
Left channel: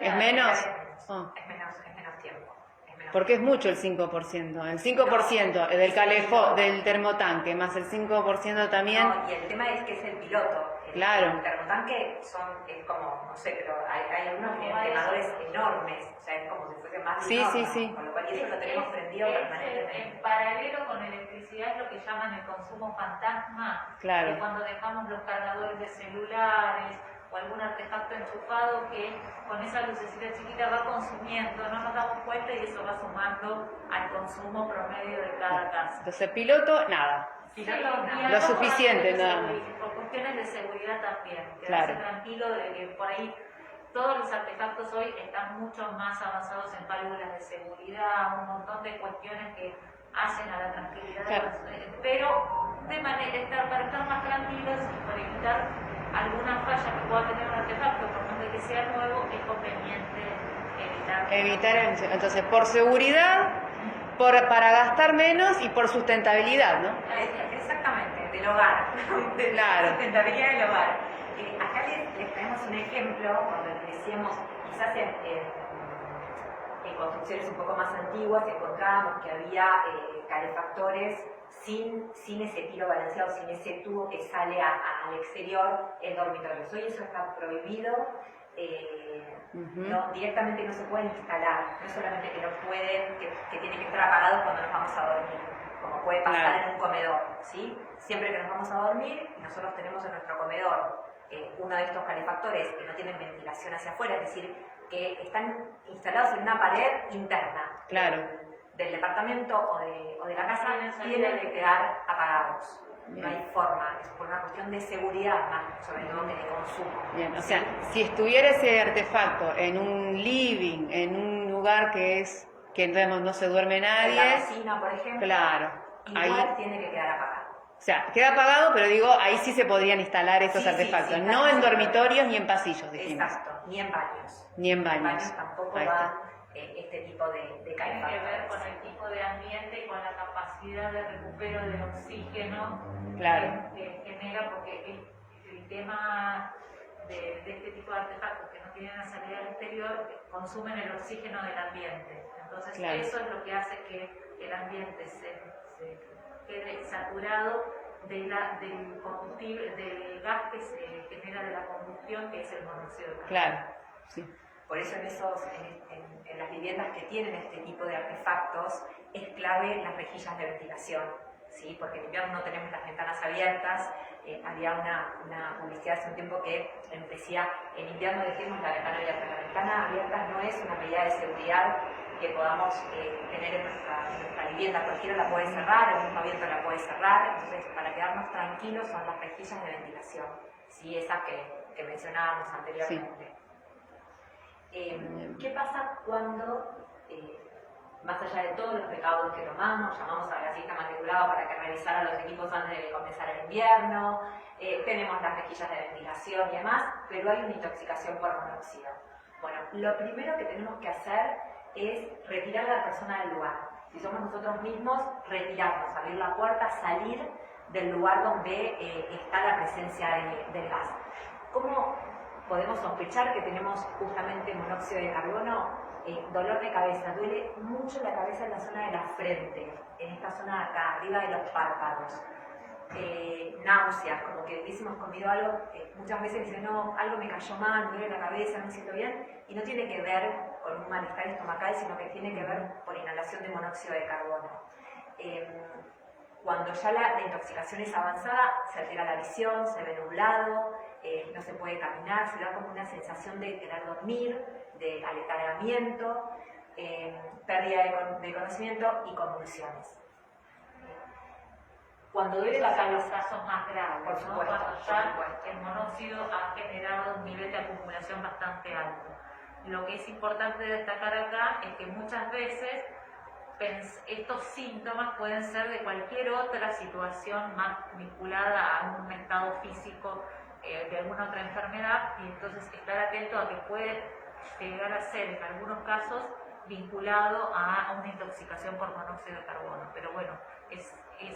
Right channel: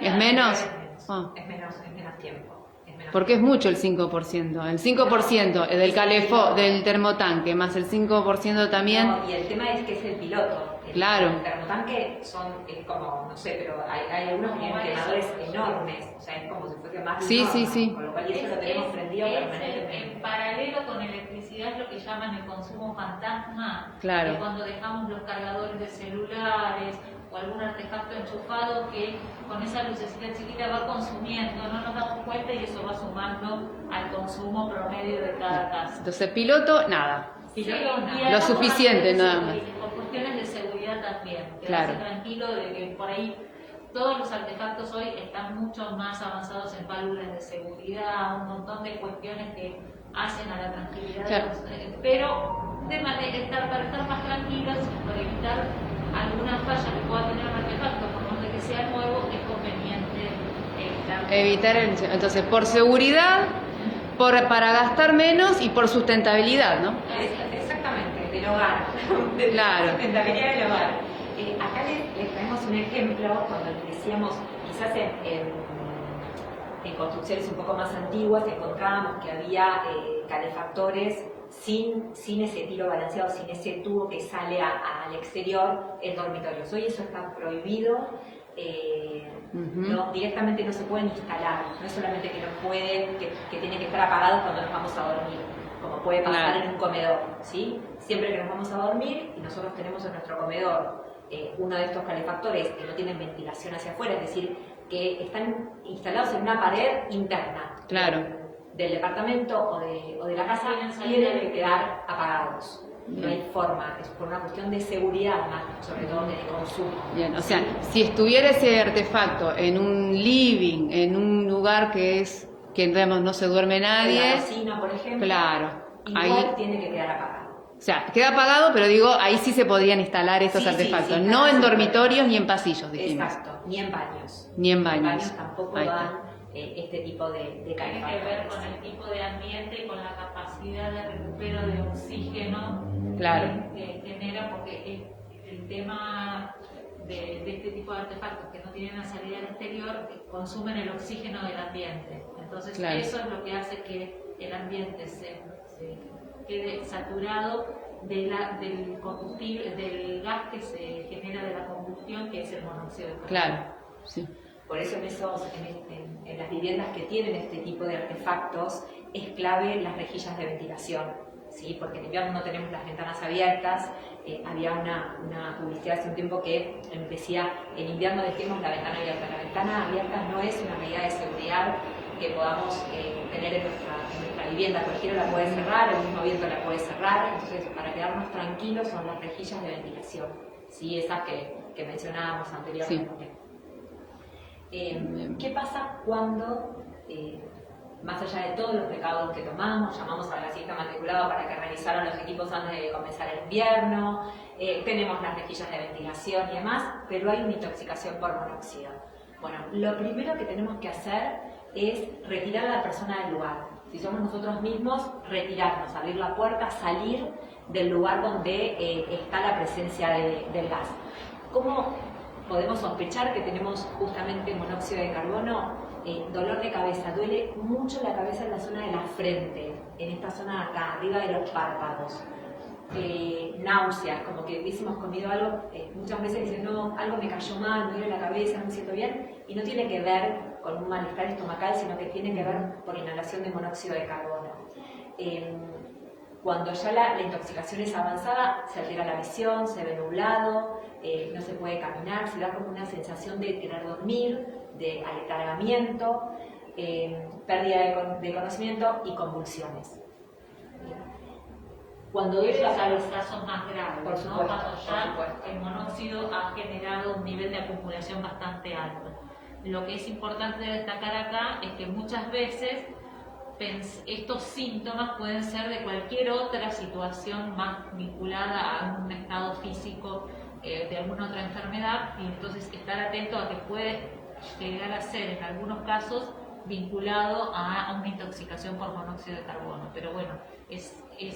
¿Es menos? Oh. Es menos tiempo. Porque es mucho el 5%. El 5% del termotanque, más el 5% también... No, y el tema es que es el piloto. Claro. El termotanque es como, no sé, pero hay algunos que tienen quemadores enormes, o sea, es como si fuese más de un horno, sí. Con lo cual eso lo tenemos prendido permanentemente. En paralelo con electricidad es lo que llaman el consumo fantasma, claro. Que cuando dejamos los cargadores de celulares o algún artefacto enchufado que con esa lucecita chiquita va consumiendo, no nos damos cuenta y eso va sumando al consumo promedio de cada casa. Entonces piloto, nada. Lo suficiente, nada más. Por cuestiones de seguridad también. Claro. Quedarse tranquilo de que por ahí todos los artefactos hoy están mucho más avanzados en válvulas de seguridad, un montón de cuestiones que hacen a la tranquilidad. Claro. Pero de manera para estar más tranquilos y para evitar alguna falla que pueda tener un artefacto, por más de que sea nuevo, es conveniente evitar. Entonces, por seguridad, para gastar menos y por sustentabilidad, ¿no? Exactamente, del hogar. Claro. Sustentabilidad del hogar. Acá les traemos un ejemplo, cuando decíamos, quizás en construcciones un poco más antiguas, encontrábamos que había calefactores sin ese tiro balanceado, sin ese tubo que sale al exterior en dormitorios. Hoy eso está prohibido. No, directamente no se pueden instalar, no es solamente que no pueden, que tienen que estar apagados cuando nos vamos a dormir, como puede pasar en un comedor, ¿sí? Siempre que nos vamos a dormir y nosotros tenemos en nuestro comedor uno de estos calefactores que no tienen ventilación hacia afuera, es decir, que están instalados en una pared interna del departamento o de la casa, tienen que quedar apagados. Bien. No hay forma, es por una cuestión de seguridad más, sobre todo de consumo. Bien, o sea, si estuviera ese artefacto en un living, en un lugar que digamos, no se duerme nadie. En la cocina, por ejemplo. Claro. Igual ahí tiene que quedar apagado. O sea, queda apagado, pero digo, ahí sí se podrían instalar estos artefactos. No en dormitorios ni en pasillos, dijimos. Exacto, ni en baños. Ni en baños. En baños tampoco dan este tipo de calefactores. Tiene que ver con el tipo de ambiente y con la capacidad de recupero del oxígeno que genera, porque el tema de este tipo de artefactos que no tienen una salida al exterior consumen el oxígeno del ambiente. Entonces eso es lo que hace que el ambiente se quede saturado del combustible, del gas que se genera de la combustión, que es el monóxido de carbono. Claro, sí. Por eso en las viviendas que tienen este tipo de artefactos es clave las rejillas de ventilación, ¿sí? Porque en invierno no tenemos las ventanas abiertas. Había una publicidad hace un tiempo que decía, en invierno dejemos la ventana abierta. La ventana abierta no es una medida de seguridad que podamos tener en nuestra vivienda. Cualquiera la puede cerrar, el mismo viento la puede cerrar. Entonces, para quedarnos tranquilos son las rejillas de ventilación, ¿sí? Esas que mencionábamos anteriormente. Sí. ¿Qué pasa cuando, más allá de todos los recaudos que tomamos, llamamos al gasista matriculado para que revisaran los equipos antes de comenzar el invierno, tenemos las rejillas de ventilación y demás, pero hay una intoxicación por monóxido? Bueno, lo primero que tenemos que hacer es retirar a la persona del lugar. Si somos nosotros mismos, retirarnos, abrir la puerta, salir del lugar donde está la presencia del gas. ¿Cómo podemos sospechar que tenemos justamente monóxido de carbono? Dolor de cabeza, duele mucho la cabeza en la zona de la frente, en esta zona de acá, arriba de los párpados. Náuseas, como que hubiésemos comido algo, muchas veces dicen, no, algo me cayó mal, me duele la cabeza, no me siento bien, y no tiene que ver con un malestar estomacal, sino que tiene que ver por inhalación de monóxido de carbono. Cuando ya la intoxicación es avanzada, se altera la visión, se ve nublado, no se puede caminar, se da como una sensación de querer dormir, de aletargamiento, pérdida de conocimiento y convulsiones. Cuando Esos eso son los casos más graves, por supuesto, ¿no? Cuando ya por supuesto. el monóxido ha generado un nivel de acumulación bastante alto. Lo que es importante destacar acá es que muchas veces estos síntomas pueden ser de cualquier otra situación más vinculada a un estado físico de alguna otra enfermedad, y entonces estar atento a que puede llegar a ser en algunos casos vinculado a una intoxicación por monóxido de carbono. Pero bueno, es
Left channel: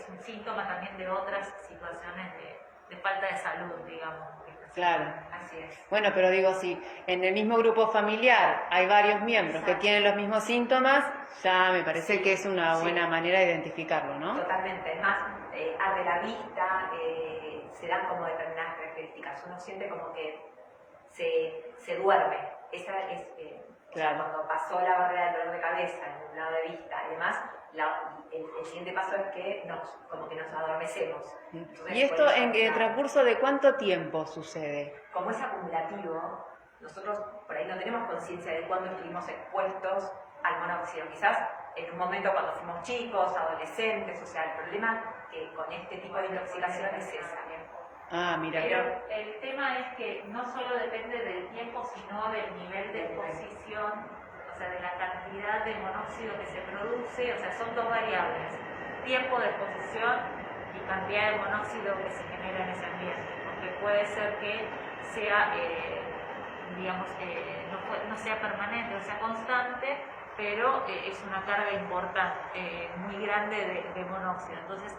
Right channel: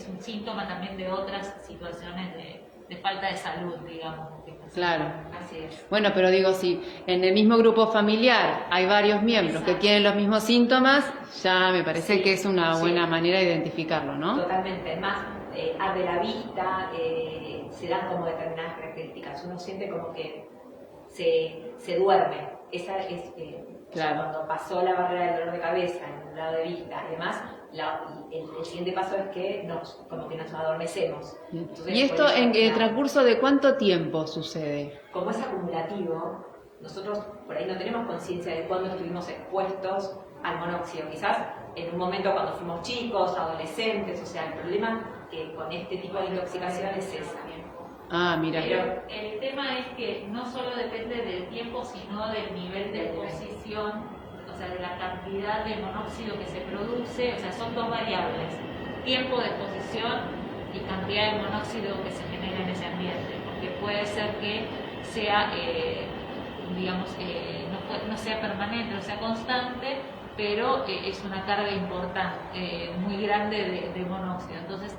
un síntoma también de otras situaciones de falta de salud, digamos. Claro. Así es. Bueno, pero digo, si en el mismo grupo familiar hay varios miembros que tienen los mismos síntomas, ya me parece que es una buena manera de identificarlo, ¿no? Totalmente. Además, arde la vista, se dan como determinadas características. Uno siente como que se duerme. Esa es claro. Cuando pasó la barrera del dolor de cabeza, en un lado de vista, además, el siguiente paso es que como que nos adormecemos. Entonces, ¿Y esto en el transcurso de cuánto tiempo sucede? Como es acumulativo, nosotros por ahí no tenemos conciencia de cuándo estuvimos expuestos al monóxido. Quizás en un momento cuando fuimos chicos, adolescentes, o sea, el problema que con este tipo de intoxicaciones es esa. Ah, mira. Pero el tema es que no solo depende del tiempo, sino del nivel de exposición, o sea, de la cantidad de monóxido que se produce. O sea, son dos variables: tiempo de exposición y cantidad de monóxido que se genera en ese ambiente, porque puede ser que sea, digamos, no sea permanente, no sea constante, pero es una carga importante, muy grande de monóxido. Entonces,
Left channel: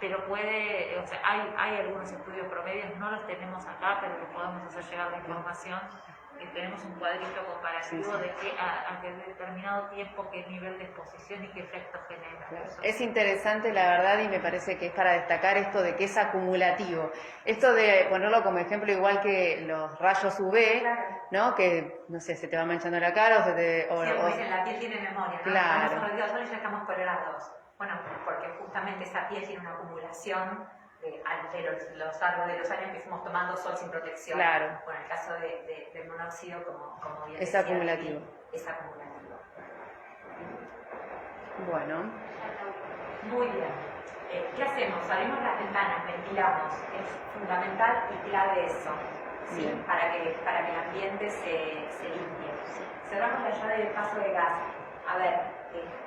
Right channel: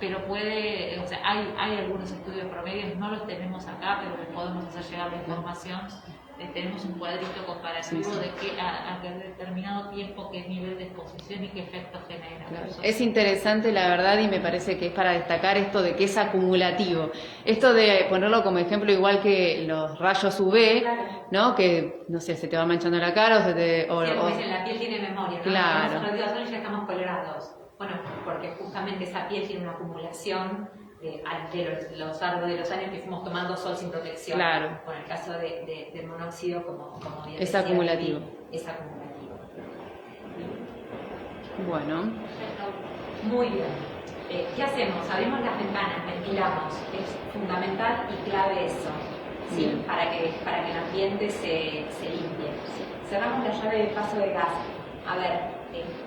pero puede, o sea, hay algunos estudios promedios, no los tenemos acá, pero les podemos hacer llegar la información. Tenemos un cuadrito comparativo de a qué determinado tiempo, qué nivel de exposición y qué efecto genera. Claro. Es interesante, la verdad, y me parece que es para destacar esto de que es acumulativo. Esto de ponerlo como ejemplo igual que los rayos UV, Claro. ¿no? Que, no sé, se te va manchando la cara o se te... Como dicen, la piel tiene memoria, ¿no? Claro. Nosotros ya estamos colorados. Bueno, porque justamente esa piel tiene una acumulación ante los árboles de los años que fuimos tomando sol sin protección. Claro. Bueno, el caso del monóxido, como bien Es decía, acumulativo. Es acumulativo. Bueno. Muy bien. ¿Qué hacemos? Abrimos las ventanas, ventilamos. Es fundamental y clave eso, ¿sí? Para que el ambiente se limpie. Cerramos la llave de paso de gas. A ver,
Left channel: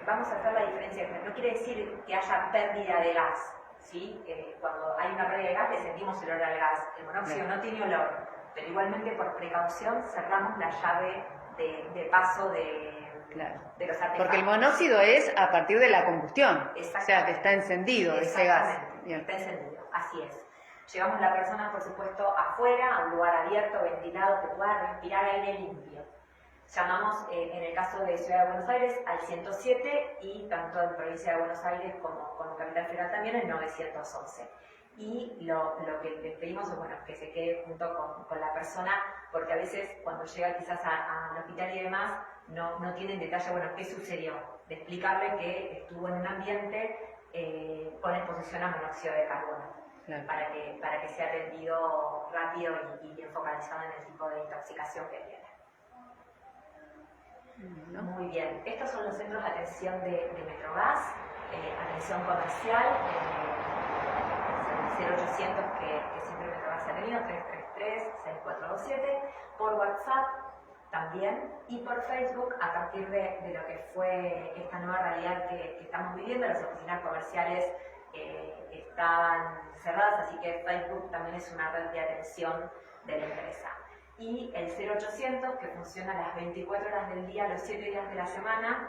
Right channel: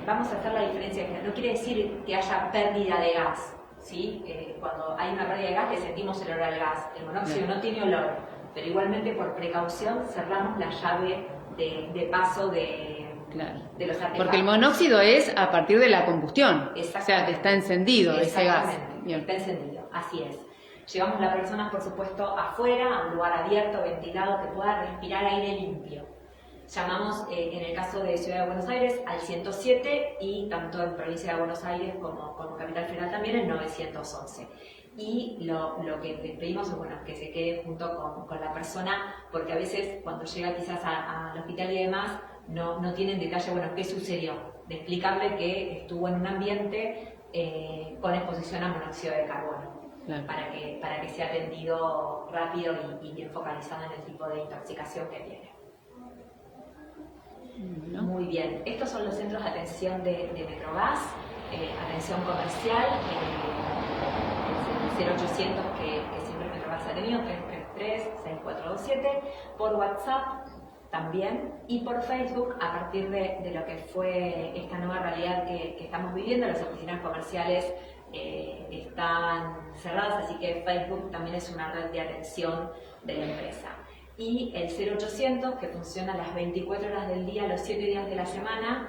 vamos a hacer la diferencia. No quiere decir que haya pérdida de gas, ¿sí? Cuando hay una pérdida de gas le sentimos el olor al gas. El monóxido no tiene olor, pero igualmente por precaución cerramos la llave de paso de los artefactos. Porque el monóxido es a partir de la combustión, o sea, que está encendido ese gas. Bien. Está encendido, así es. Llevamos a la persona, por supuesto, afuera, a un lugar abierto, ventilado, que pueda respirar aire limpio. Llamamos, en el caso de Ciudad de Buenos Aires, al 107 y tanto en Provincia de Buenos Aires como Capital Federal también el 911. Y lo que les pedimos es que se quede junto con la persona, porque a veces cuando llega quizás al hospital y demás, no tienen detalle, qué sucedió, de explicarle que estuvo en un ambiente con exposición a monóxido de carbono, para que sea atendido rápido y bien focalizado en el tipo de intoxicación que tiene. ¿No? Muy bien, estos son los centros de atención de Metrogas, atención comercial, el 0800 que siempre Metrogas ha tenido, 333-6427, por WhatsApp también, y por Facebook, a partir de lo que fue esta nueva realidad que estamos viviendo. Las oficinas comerciales están cerradas, así que Facebook también es una red de atención de la empresa. Y el 0800, que funciona las 24 horas del día, los 7 días de la semana,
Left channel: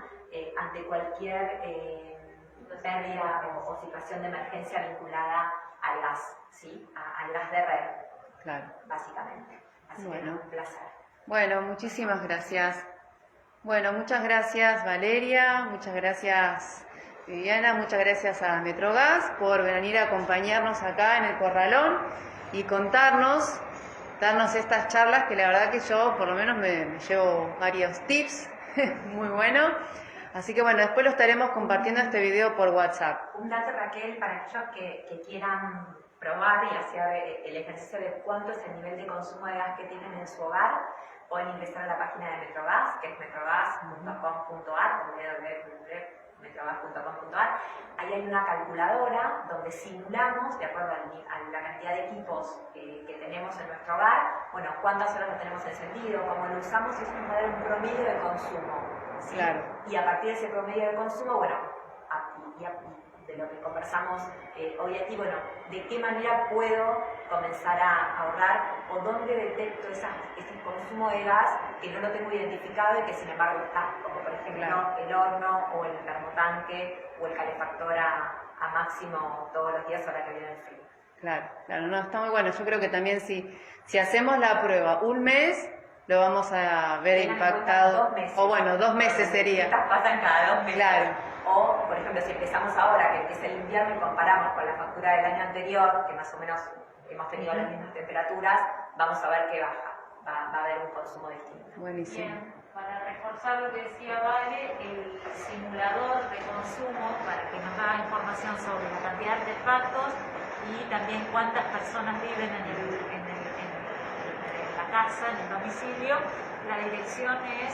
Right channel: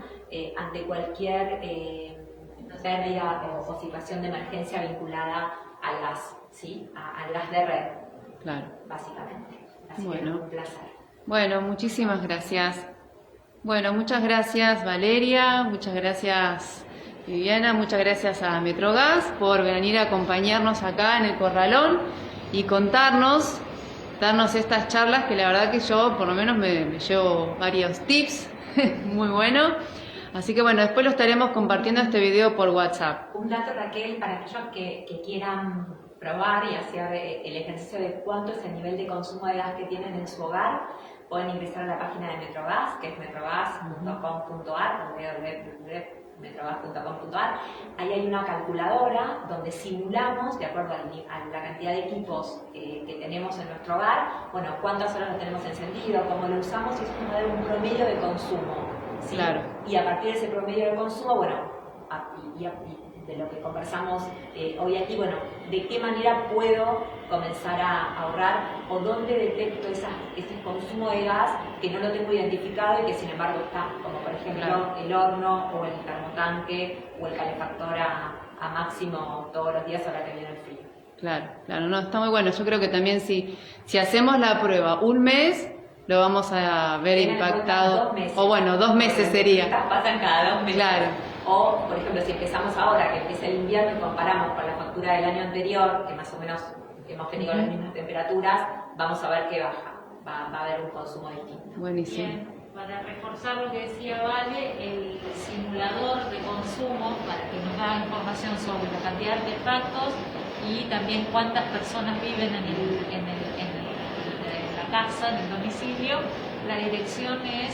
ante cualquier pérdida o situación de emergencia vinculada al gas, ¿sí? Al gas de red, Claro. básicamente. Así Bueno. que un placer. Bueno, muchísimas gracias. Bueno, muchas gracias Valeria, muchas gracias Viviana, muchas gracias a Metrogas por venir a acompañarnos acá en el Corralón y darnos estas charlas que la verdad que yo por lo menos me llevo varios tips, muy bueno. Así que bueno, después lo estaremos compartiendo este video por WhatsApp. Un dato, Raquel, para aquellos que quieran probar y hacer el ejercicio de cuánto es el nivel de consumo de gas que tienen en su hogar, pueden ingresar a la página de Metrogas, que es metrogas.com.ar, www.metrogas.com.ar. Ahí hay una calculadora donde simulamos, de acuerdo a la cantidad de equipos que tenemos en nuestro hogar, bueno, cuántas horas lo tenemos encendido, cómo lo usamos, y es como dar un promedio de consumo, ¿sí? Claro. Y a partir de ese promedio de consumo, bueno, de lo que conversamos hoy aquí, bueno, de qué manera puedo comenzar a ahorrar o dónde detecto ese consumo de gas que no lo tengo identificado y que sin embargo está, como por ejemplo el horno o el termotanque o el calefactor a máximo todos los días ahora que viene el frío. Claro, no, está muy bueno. Yo creo que también si hacemos la prueba un mes, lo vamos a ver impactado. 2 meses. O bueno, 2 meses sería. Estas pasan cada 2 meses. Claro. O, por ejemplo, si empezamos ahora, que empieza el invierno y comparamos con la factura del año anterior, que más o menos hemos tenido las mismas temperaturas, vamos a ver que baja. Va a haber un consumo distinto. Buenísimo. Bien, para reforzar lo que decía Vale, el simulador de consumo, para que nos da información sobre la cantidad de artefactos y también cuántas personas viven en la casa, en el domicilio. La dirección es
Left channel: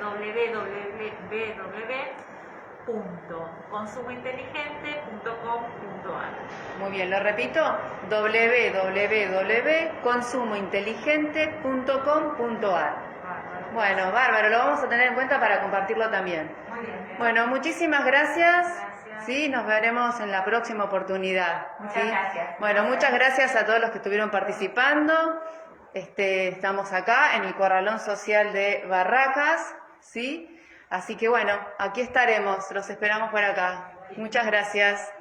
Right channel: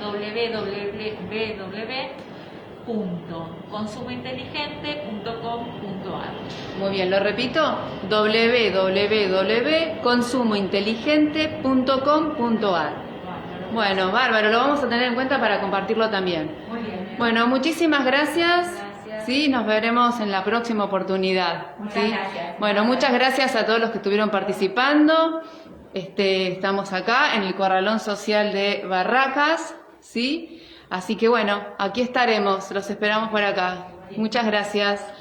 www.consumointeligente.com.ar. Muy bien, lo repito, www.consumointeligente.com.ar. Bueno, bárbaro, lo vamos a tener en cuenta para compartirlo también. Muy bien. Bueno, muchísimas gracias. Gracias. Sí, nos veremos en la próxima oportunidad. Muchas gracias. Bueno, muchas gracias a todos los que estuvieron participando. Estamos acá en el Corralón Social de Barracas, ¿sí? Así que bueno, aquí estaremos, los esperamos por acá. Muchas gracias.